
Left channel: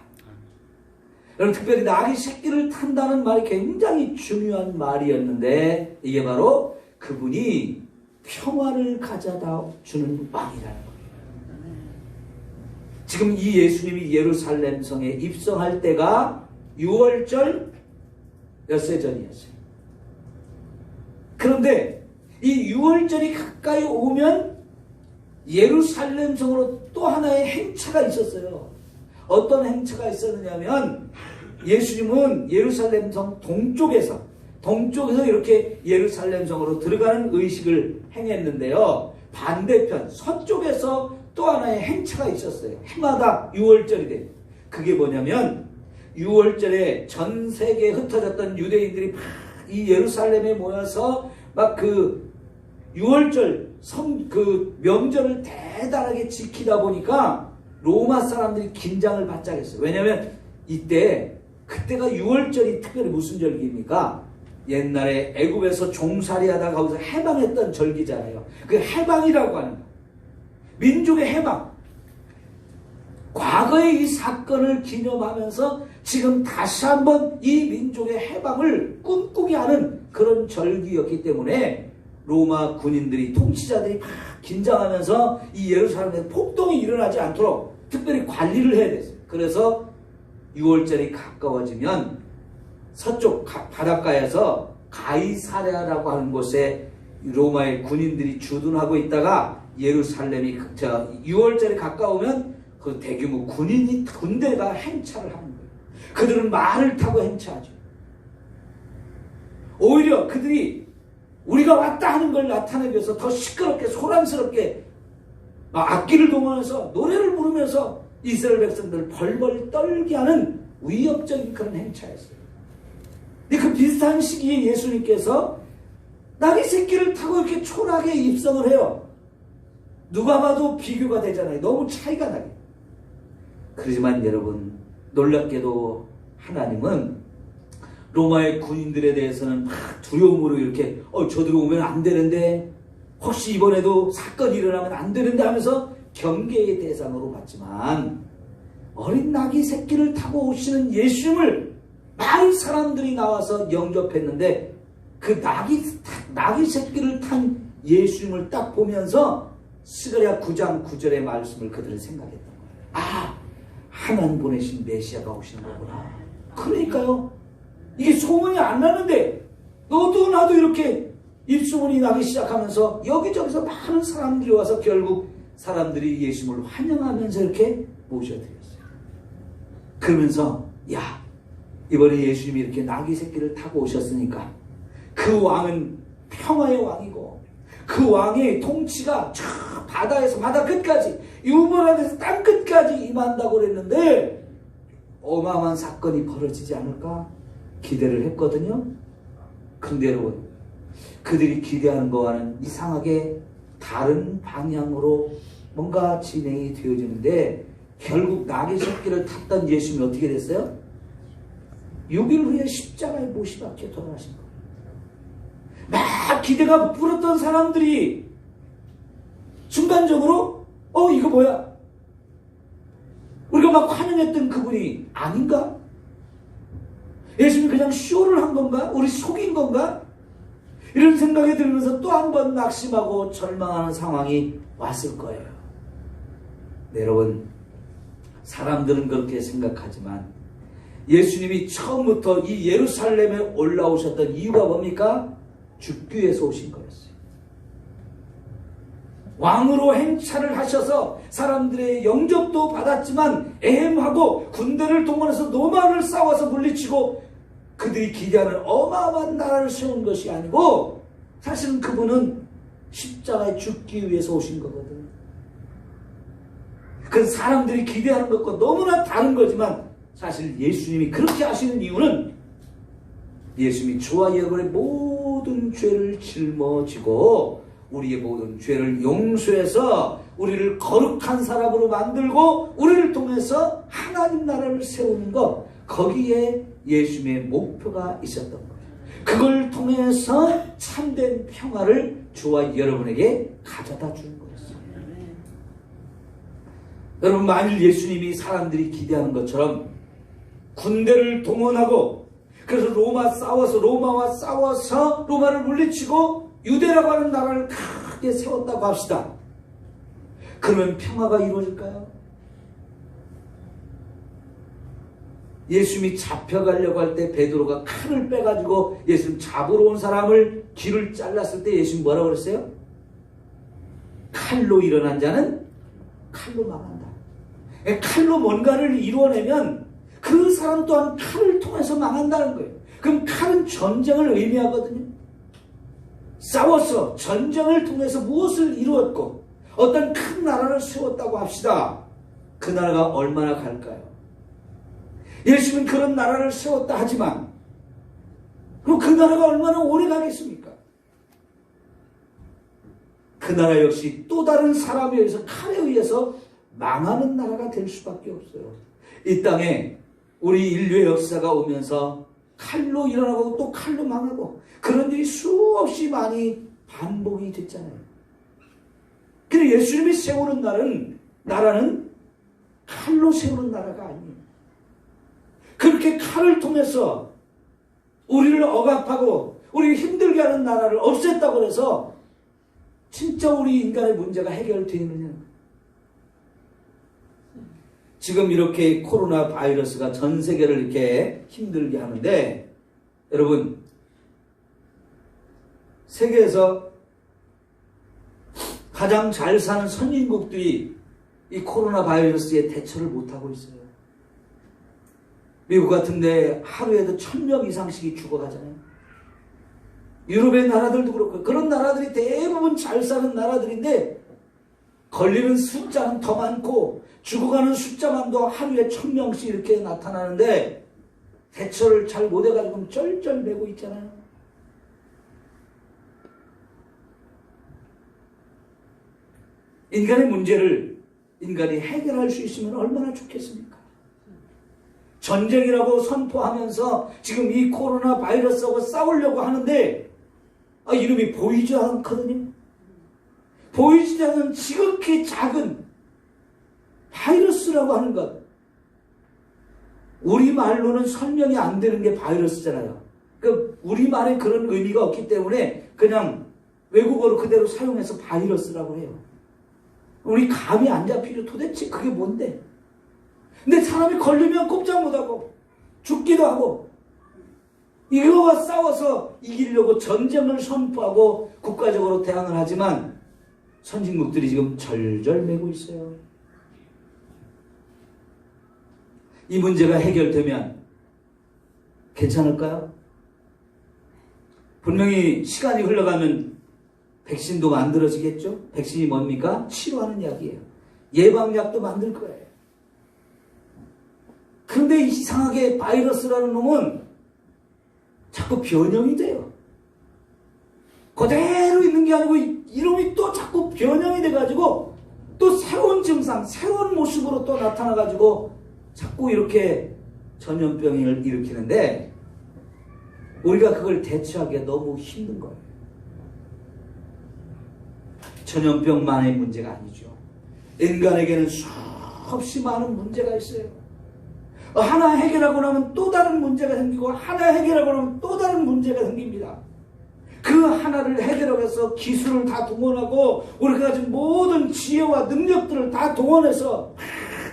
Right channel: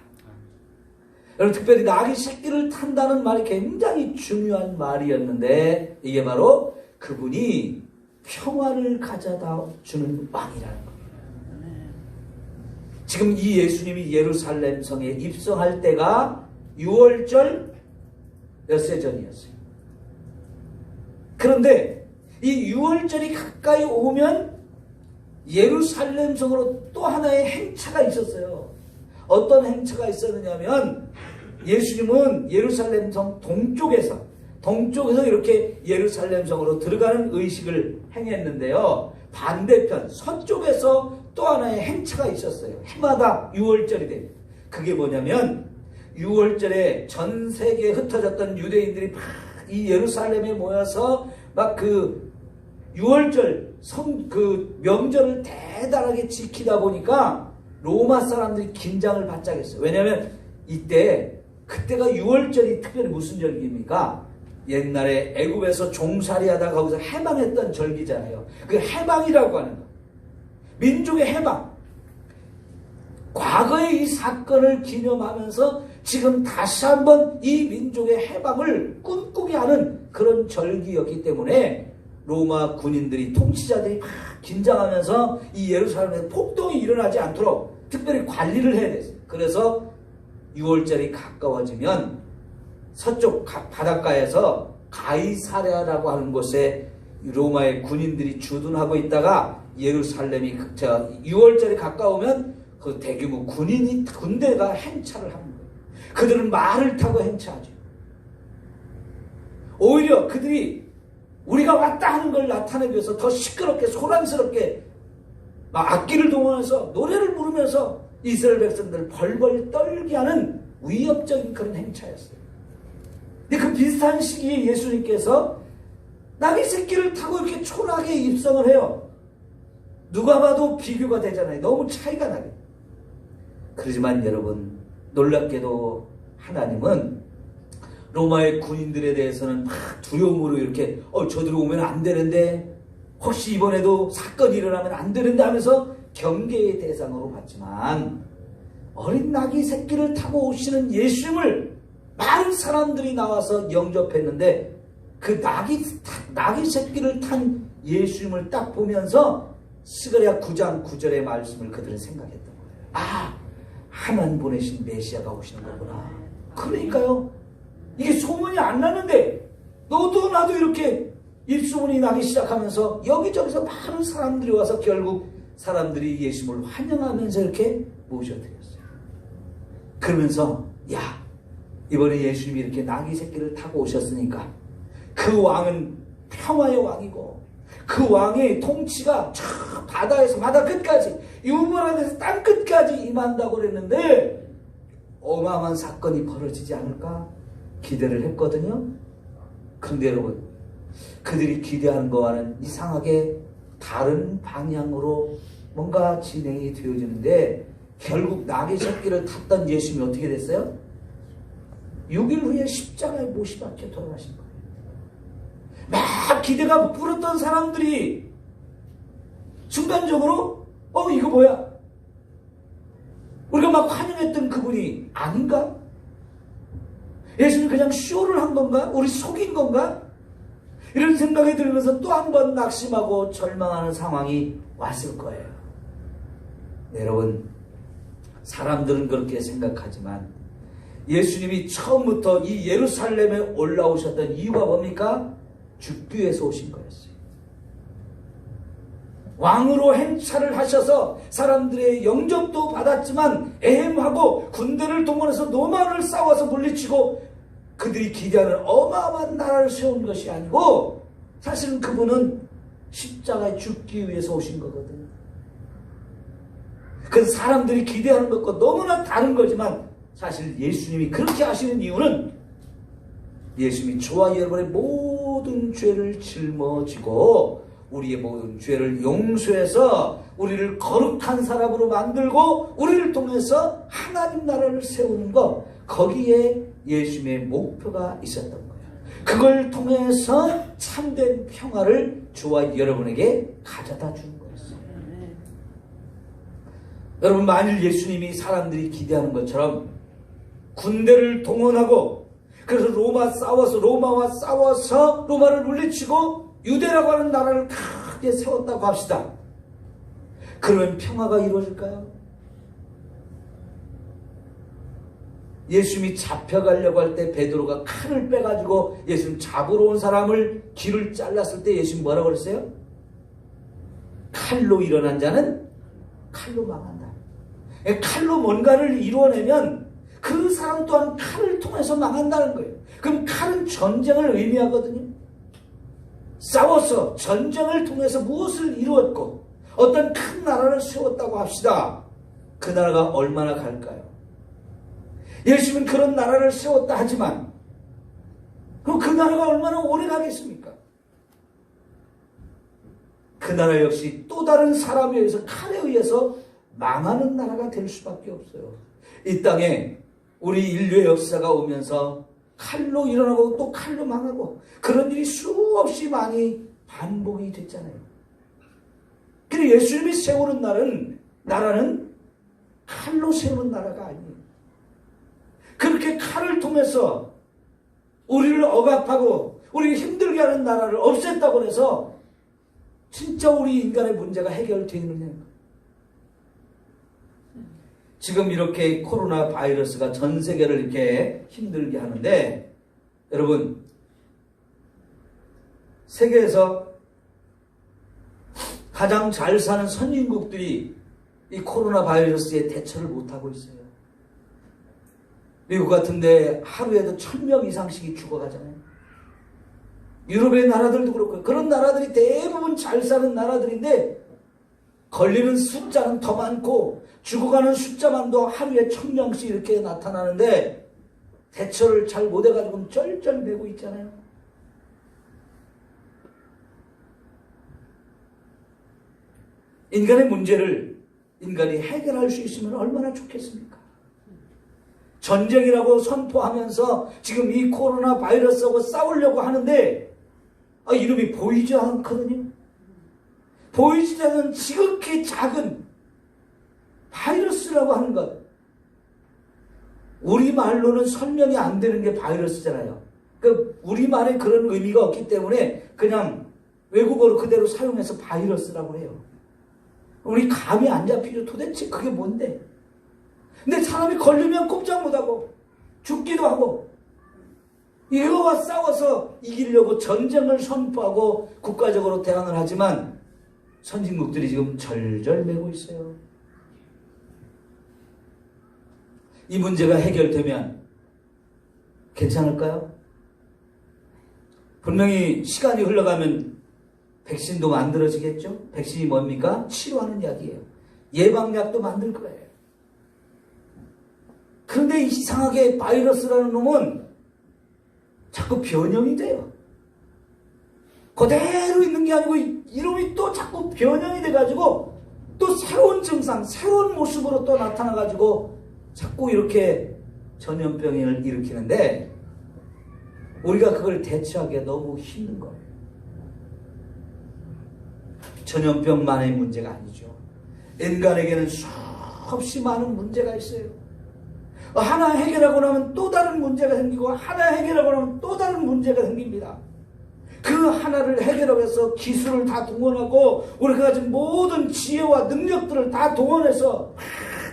여러분, 특별히 나귀 새끼를 탄다는 말이 굉장히 중요한 말이었는데 이게 바로 그분이 평화를 가져다 주는 왕이라는 거예요. 지금 이 예수님이 예루살렘 성에 입성할 때가 6월절 엿새 전이었어요. 그런데 이 6월절이 가까이 오면 예루살렘 성으로 또 하나의 행차가 있었어요. 어떤 행차가 있었느냐면 예수님은 예루살렘 성 동쪽에서 이렇게 예루살렘 성으로 들어가는 의식을 행했는데요. 반대편 서쪽에서 또 하나의 행차가 있었어요. 해마다 6월절이 돼요. 그게 뭐냐면 6월절에 전 세계에 흩어졌던 유대인들이 막 이 예루살렘에 모여서 막 그 6월절 그 명절을 대단하게 지키다 보니까 로마 사람들이 긴장을 바짝했어요. 왜냐하면 그때가 6월절이 특별히 무슨 절기입니까? 옛날에 애굽에서 종살이하다 거기서 해방했던 절기잖아요. 그 해방이라고 하는 거예요. 민족의 해방. 과거의 이 사건을 기념하면서 지금 다시 한번 이 민족의 해방을 꿈꾸게 하는 그런 절기였기 때문에 로마 군인들이, 통치자들이 막 긴장하면서 이 예루살렘에 폭동이 일어나지 않도록 특별히 관리를 해야 됐어요. 그래서 6월절이 가까워지면 서쪽 바닷가에서 가이사랴라고 하는 곳에 로마의 군인들이 주둔하고 있다가 예루살렘이 6월절이 가까우면 그 대규모 군대가 행차를 하는 거예요. 그들은 말을 타고 행차하죠. 오히려 그들이 우리가 왔다 하는 걸 나타내기 위해서 더 시끄럽게 소란스럽게 막 악기를 동원해서 노래를 부르면서 이스라엘 백성들을 벌벌 떨게 하는 위협적인 그런 행차였어요. 근데 그 비슷한 시기에 예수님께서 나귀 새끼를 타고 이렇게 초라하게 입성을 해요. 누가 봐도 비교가 되잖아요. 너무 차이가 나게. 그렇지만 여러분, 놀랍게도 하나님은 로마의 군인들에 대해서는 막 두려움으로 이렇게 저들이 오면 안 되는데, 혹시 이번에도 사건이 일어나면 안 되는데 하면서 경계의 대상으로 봤지만 어린 나귀 새끼를 타고 오시는 예수님을 많은 사람들이 나와서 영접했는데 그 나귀 새끼를 탄 예수님을 딱 보면서 스가랴 9장 9절의 말씀을 그들은 생각했던 거예요. 아, 하나님 보내신 메시아가 오시는 거구나. 그러니까요. 이게 소문이 안 나는데 너도 나도 이렇게 입소문이 나기 시작하면서 여기저기서 많은 사람들이 와서 결국 사람들이 예수님을 환영하면서 이렇게 모셔드렸어요. 그러면서 야, 이번에 예수님이 이렇게 나귀 새끼를 타고 오셨으니까 그 왕은 평화의 왕이고 그 왕의 통치가 저 바다에서 바다 끝까지 유머라에서 땅 끝까지 임한다고 그랬는데 어마어마한 사건이 벌어지지 않을까 기대를 했거든요. 근데 여러분, 그들이 기대한 거와는 이상하게 다른 방향으로 뭔가 진행이 되어지는데 결국 나귀 새끼를 탔던 예수님이 어떻게 됐어요? 6일 후에 십자가에 못이 박혀 돌아가신 거예요. 막 기대가 불었던 사람들이 순간적으로 이거 뭐야? 우리가 막 환영했던 그분이 아닌가? 예수님이 그냥 쇼를 한 건가? 우리 속인 건가? 이런 생각이 들면서 또 한 번 낙심하고 절망하는 상황이 왔을 거예요. 네, 여러분, 사람들은 그렇게 생각하지만 예수님이 처음부터 이 예루살렘에 올라오셨던 이유가 뭡니까? 죽기 위해서 오신 거였어요. 왕으로 행차를 하셔서 사람들의 영접도 받았지만 애행하고 군대를 동원해서 로마를 싸워서 물리치고 그들이 기대하는 어마어마한 나라를 세운 것이 아니고 사실은 그분은 십자가에 죽기 위해서 오신 거거든요. 그 사람들이 기대하는 것과 너무나 다른 거지만 사실 예수님이 그렇게 하시는 이유는 예수님이 저와 여러분의 모든 죄를 짊어지고 우리의 모든 죄를 용서해서 우리를 거룩한 사람으로 만들고 우리를 통해서 하나님 나라를 세우는 것, 거기에 예수님의 목표가 있었던 거예요. 그걸 통해서 참된 평화를 저와 여러분에게 가져다 주는 거였어요. 여러분, 만일 예수님이 사람들이 기대하는 것처럼 군대를 동원하고 그래서 로마와 싸워서 로마를 물리치고 유대라고 하는 나라를 크게 세웠다고 합시다. 그러면 평화가 이루어질까요? 예수님이 잡혀가려고 할 때 베드로가 칼을 빼가지고 예수님 잡으러 온 사람을 귀를 잘랐을 때 예수님 뭐라고 그랬어요? 칼로 일어난 자는 칼로 망한다. 칼로 뭔가를 이루어내면 그 사람 또한 칼을 통해서 망한다는 거예요. 그럼 칼은 전쟁을 의미하거든요. 싸워서 전쟁을 통해서 무엇을 이루었고 어떤 큰 나라를 세웠다고 합시다. 그 나라가 얼마나 갈까요? 예수님은 그런 나라를 세웠다 하지만 그럼 그 나라가 얼마나 오래 가겠습니까? 그 나라 역시 또 다른 사람에 의해서 칼에 의해서 망하는 나라가 될 수밖에 없어요. 이 땅에 우리 인류의 역사가 오면서 칼로 일어나고 또 칼로 망하고 그런 일이 수없이 많이 반복이 됐잖아요. 근데 예수님이 세우는 나라는 칼로 세우는 나라가 아니에요. 그렇게 칼을 통해서 우리를 억압하고 우리를 힘들게 하는 나라를 없앴다고 해서 진짜 우리 인간의 문제가 해결되느냐? 지금 이렇게 코로나 바이러스가 전 세계를 이렇게 힘들게 하는데 여러분, 세계에서 가장 잘 사는 선진국들이 이 코로나 바이러스에 대처를 못하고 있어요. 미국 같은데 하루에도 1000명 이상씩이 죽어가잖아요. 유럽의 나라들도 그렇고 그런 나라들이 대부분 잘 사는 나라들인데 걸리는 숫자는 더 많고 죽어가는 숫자만도 하루에 1000명씩 이렇게 나타나는데 대처를 잘 못해가지고 쩔쩔매고 있잖아요. 인간의 문제를 인간이 해결할 수 있으면 얼마나 좋겠습니까? 전쟁이라고 선포하면서 지금 이 코로나 바이러스하고 싸우려고 하는데 이름이 보이지 않거든요. 보이지 않는 지극히 작은 바이러스라고 하는 것, 우리말로는 설명이 안 되는 게 바이러스잖아요. 그 우리말에 그런 의미가 없기 때문에 그냥 외국어로 그대로 사용해서 바이러스라고 해요. 우리 감이 안 잡히죠. 도대체 그게 뭔데? 근데 사람이 걸리면 꼼짝 못하고 죽기도 하고 이거와 싸워서 이기려고 전쟁을 선포하고 국가적으로 대항을 하지만 선진국들이 지금 절절매고 있어요. 이 문제가 해결되면 괜찮을까요? 분명히 시간이 흘러가면 백신도 만들어지겠죠? 백신이 뭡니까? 치료하는 약이에요. 예방약도 만들 거예요. 그런데 이상하게 바이러스라는 놈은 자꾸 변형이 돼요. 그대로 있는 게 아니고 이놈이 또 자꾸 변형이 돼가지고 또 새로운 증상, 새로운 모습으로 또 나타나가지고 자꾸 이렇게 전염병을 일으키는데 우리가 그걸 대처하기가 너무 힘든 거예요. 전염병만의 문제가 아니죠. 인간에게는 수없이 많은 문제가 있어요. 하나 해결하고 나면 또 다른 문제가 생기고 하나 해결하고 나면 또 다른 문제가 생깁니다. 그 하나를 해결하기 위해서 기술을 다 동원하고 우리가 가진 모든 지혜와 능력들을 다 동원해서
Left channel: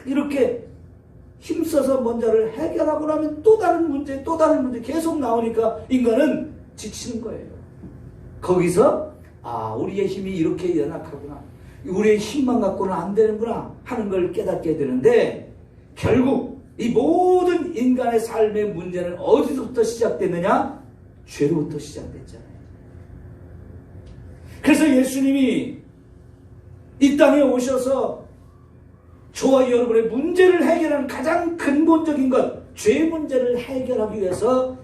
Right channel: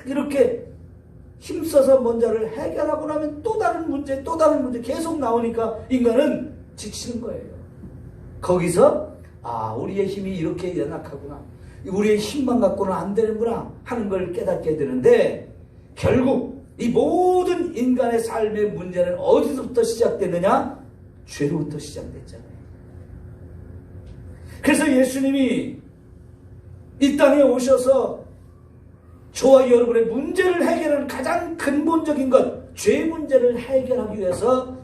이렇게 힘써서 뭔가를 해결하고 나면 또 다른 문제 계속 나오니까 인간은 지치는 거예요. 거기서 우리의 힘이 이렇게 연약하구나, 우리의 힘만 갖고는 안 되는구나 하는 걸 깨닫게 되는데 결국 이 모든 인간의 삶의 문제는 어디서부터 시작됐느냐? 죄로부터 시작됐잖아요. 그래서 예수님이 이 땅에 오셔서 저와 여러분의 문제를 해결하는 가장 근본적인 것, 죄 문제를 해결하기 위해서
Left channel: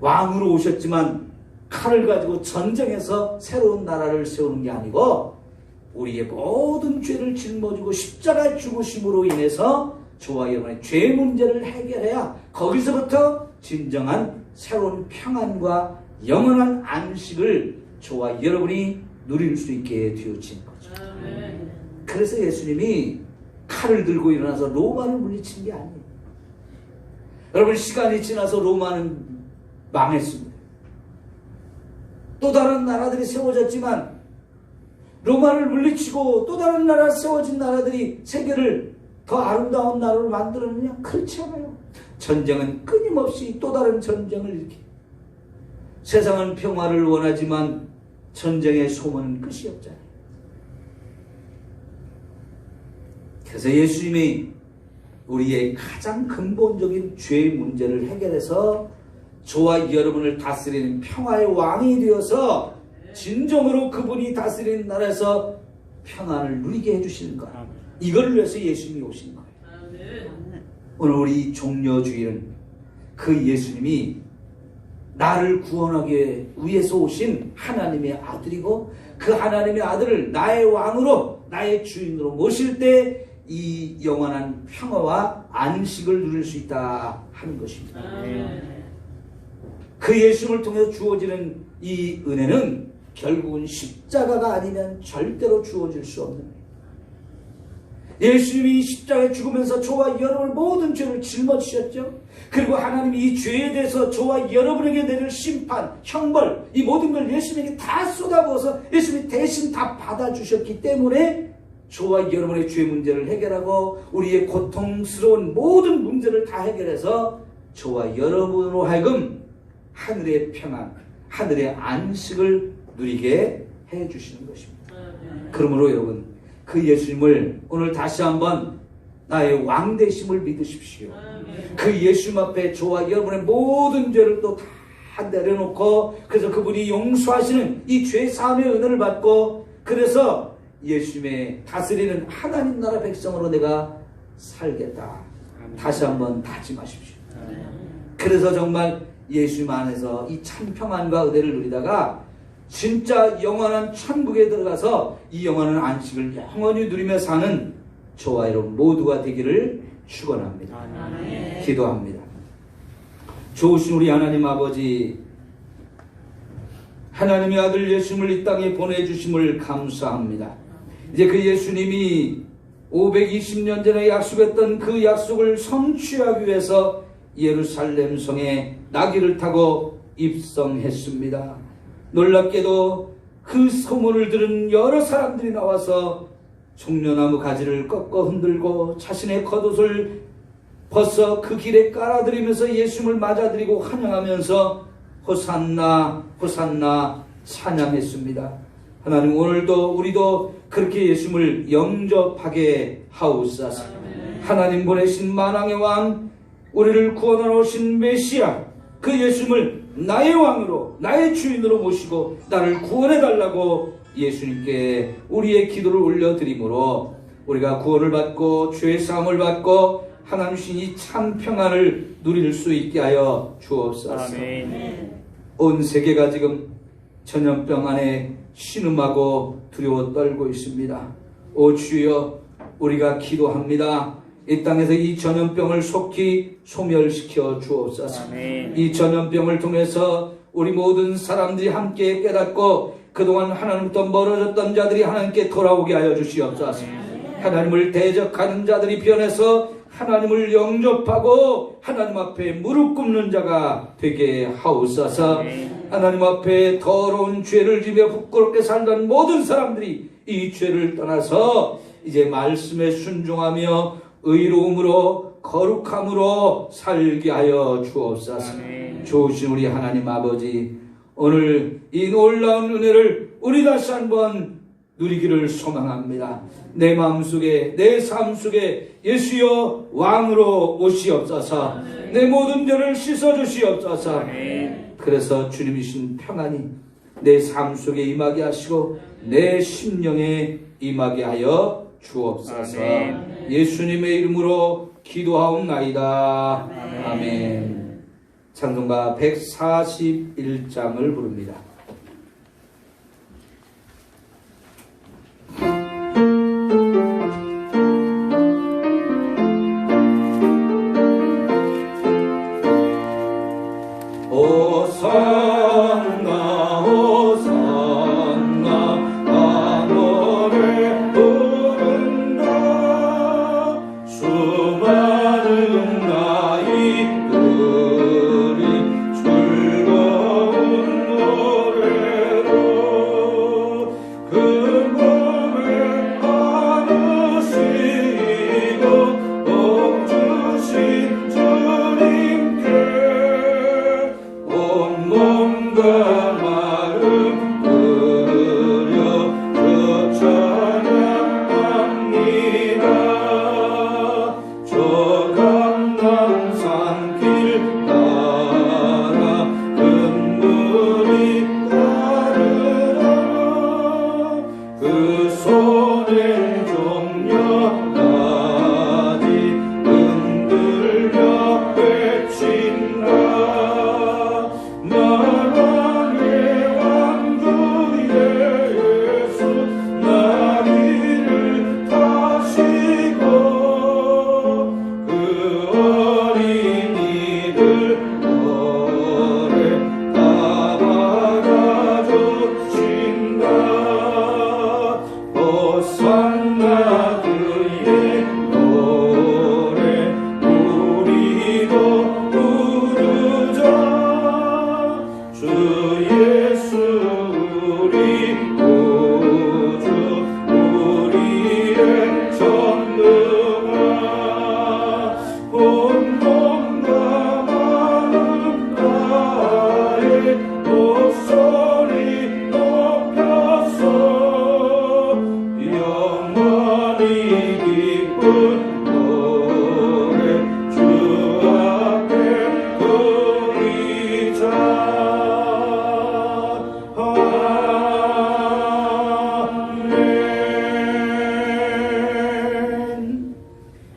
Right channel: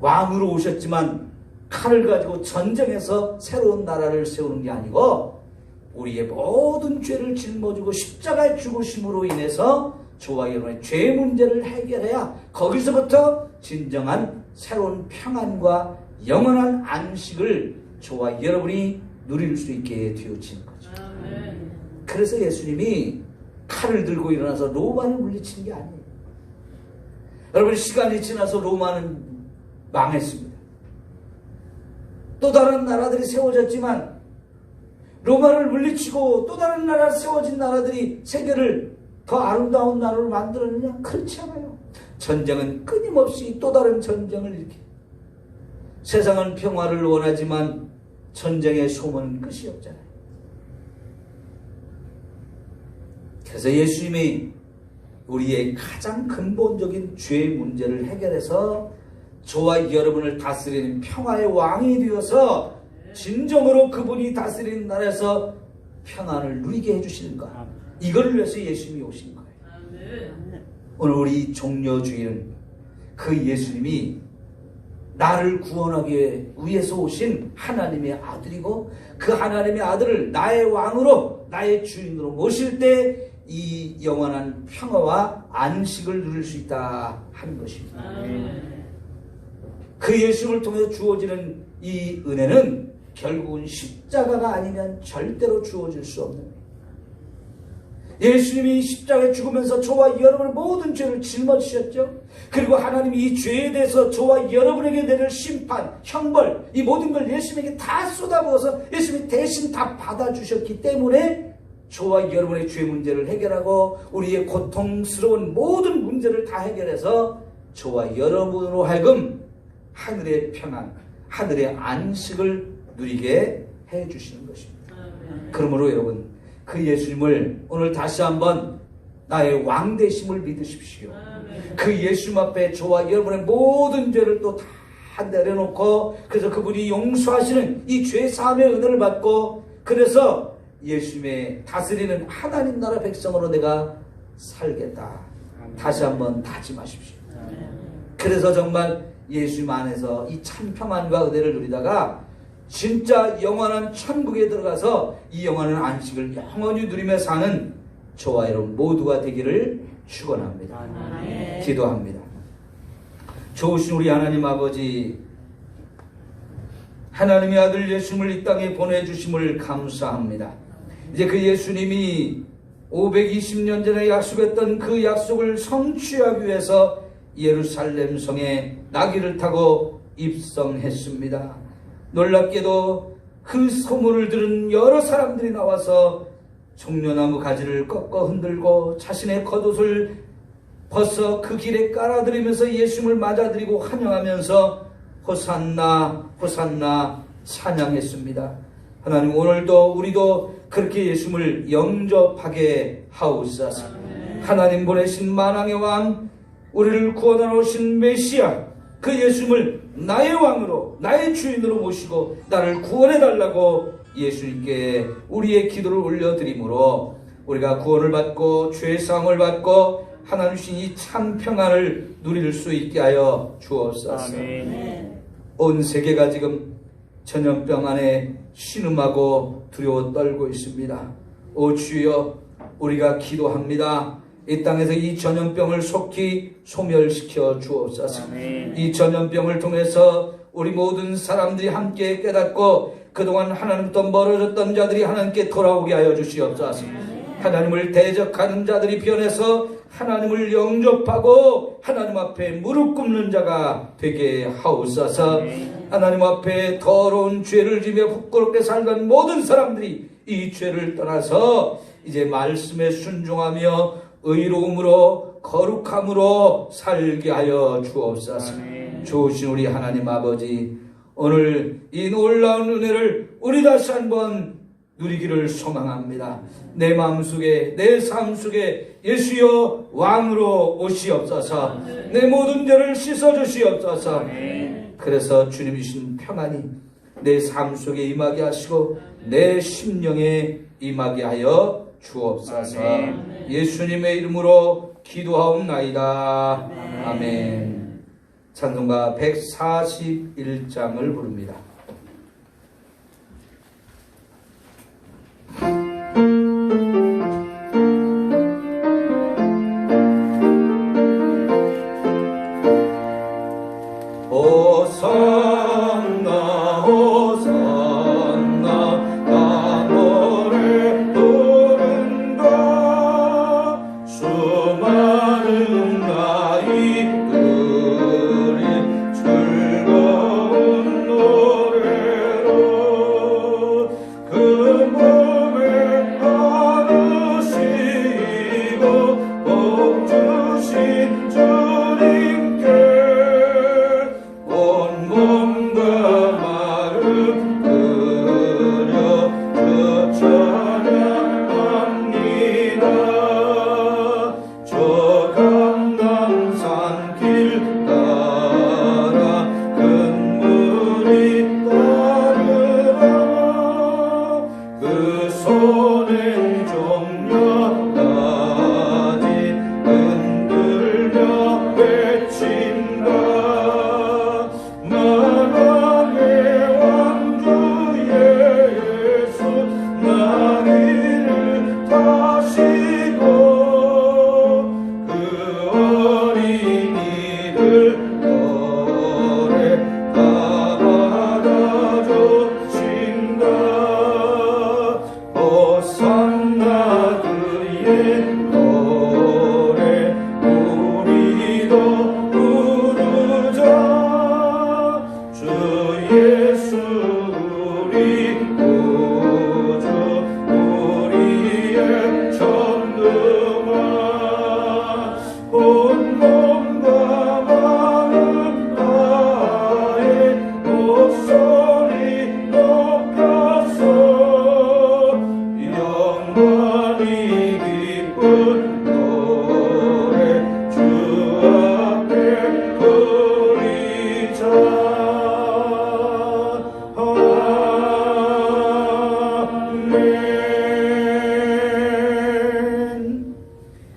왕으로 오셨지만 칼을 가지고 전쟁해서 새로운 나라를 세우는 게 아니고 우리의 모든 죄를 짊어지고 십자가의 죽으심으로 인해서 저와 여러분의 죄 문제를 해결해야 거기서부터 진정한 새로운 평안과 영원한 안식을 저와 여러분이 누릴 수 있게 되어진 거죠. 그래서 예수님이 칼을 들고 일어나서 로마를 물리친 게 아니에요. 여러분, 시간이 지나서 로마는 망했습니다. 또 다른 나라들이 세워졌지만 로마를 물리치고 또 다른 나라 세워진 나라들이 세계를 더 아름다운 나라로 만들었느냐? 그렇지 않아요. 전쟁은 끊임없이 또 다른 전쟁을 일으켜요. 세상은 평화를 원하지만 전쟁의 소문은 끝이 없잖아요. 그래서 예수님이 우리의 가장 근본적인 죄 문제를 해결해서 저와 여러분을 다스리는 평화의 왕이 되어서 진정으로 그분이 다스리는 나라에서 평안을 누리게 해주시는 것, 이걸 위해서 예수님이 오신 거예요. 오늘 우리 종려주일은 그 예수님이 나를 구원하기 위해서 오신 하나님의 아들이고 그 하나님의 아들을 나의 왕으로 나의 주인으로 모실 때 이 영원한 평화와 안식을 누릴 수 있다 하는 것입니다. 그 예수를 통해서 주어지는 이 은혜는 결국은 십자가가 아니면 절대로 주어질 수 없는 거예요. 예수님이 십자가에 죽으면서 저와 여러분의 모든 죄를 짊어지셨죠. 그리고 하나님이 이 죄에 대해서 저와 여러분에게 내릴 심판, 형벌, 이 모든 걸 예수님에게 다 쏟아부어서 예수님이 대신 다 받아주셨기 때문에 저와 여러분의 죄 문제를 해결하고 우리의 고통스러운 모든 문제를 다 해결해서 저와 여러분으로 하여금 하늘의 평안, 하늘의 안식을 누리게 해주시는 것입니다. 그러므로 여러분, 그 예수님을 오늘 다시 한번 나의 왕 되심을 믿으십시오. 그 예수님 앞에 저와 여러분의 모든 죄를 또 다 내려놓고 그래서 그분이 용서하시는 이 죄 사함의 은혜를 받고 그래서 예수님의 다스리는 하나님 나라 백성으로 내가 살겠다. 다시 한번 다짐하십시오. 그래서 정말 예수님 안에서 이 참 평안과 은혜를 누리다가 진짜 영원한 천국에 들어가서 이 영원한 안식을 영원히 누리며 사는 저와 여러분 모두가 되기를 축원합니다. 기도합니다. 좋으신 우리 하나님 아버지, 하나님의 아들 예수님을 이 땅에 보내주심을 감사합니다. 이제 그 예수님이 520년 전에 약속했던 그 약속을 성취하기 위해서 예루살렘 성에 나귀를 타고 입성했습니다. 놀랍게도 그 소문을 들은 여러 사람들이 나와서 종려나무 가지를 꺾어 흔들고 자신의 겉옷을 벗어 그 길에 깔아드리면서 예수님을 맞아들이고 환영하면서 호산나 호산나 찬양했습니다. 하나님, 오늘도 우리도 그렇게 예수님을 영접하게 하옵소서. 하나님 보내신 만왕의 왕, 우리를 구원하러 오신 메시아, 그 예수님을 나의 왕으로, 나의 주인으로 모시고 나를 구원해달라고 예수님께 우리의 기도를 올려드리므로 우리가 구원을 받고 죄의 사함을 받고 하나님 주신 이 참 평안을 누릴 수 있게 하여 주옵소서. 온 세계가 지금 전염병 안에 신음하고 두려워 떨고 있습니다. 오 주여, 우리가 기도합니다. 이 땅에서 이 전염병을 속히 소멸시켜 주옵소서. 이 전염병을 통해서 우리 모든 사람들이 함께 깨닫고 그동안 하나님부터 멀어졌던 자들이 하나님께 돌아오게 하여 주시옵소서. 하나님을 대적하는 자들이 변해서 하나님을 영접하고 하나님 앞에 무릎 꿇는 자가 되게 하옵소서. 하나님 앞에 더러운 죄를 지며 부끄럽게 살던 모든 사람들이 이 죄를 떠나서 이제 말씀에 순종하며 의로움으로 거룩함으로 살게 하여 주옵소서. 좋으신 우리 하나님 아버지, 오늘 이 놀라운 은혜를 우리 다시 한번 누리기를 소망합니다. 내 마음속에, 내 삶 속에 예수여 왕으로 오시옵소서. 내 모든 죄를 씻어주시옵소서. 그래서 주님이신 평안이 내 삶 속에 임하게 하시고 내 심령에 임하게 하여 주옵소서. 예수님의 이름으로 기도하옵나이다. 아멘. 찬송가 141장을 부릅니다.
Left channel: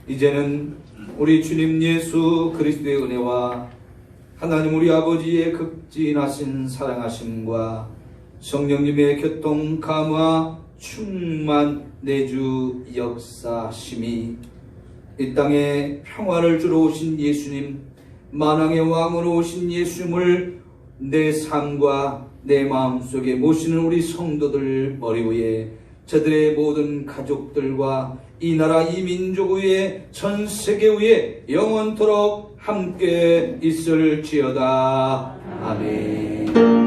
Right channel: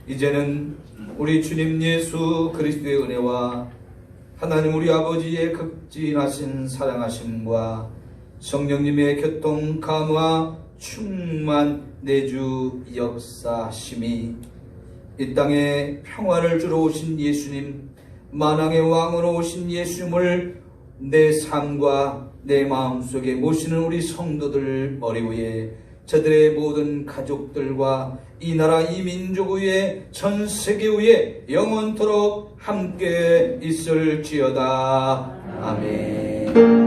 이제는 우리 주님 예수 그리스도의 은혜와 하나님 우리 아버지의 극진하신 사랑하심과 성령님의 교통 감화 충만 내주 역사심이 이 땅에 평화를 주러 오신 예수님, 만왕의 왕으로 오신 예수님을 내 삶과 내 마음속에 모시는 우리 성도들 머리 위에 저들의 모든 가족들과 이 나라 이 민족 위에 전 세계 위에 영원토록 함께 있을지어다. 아멘.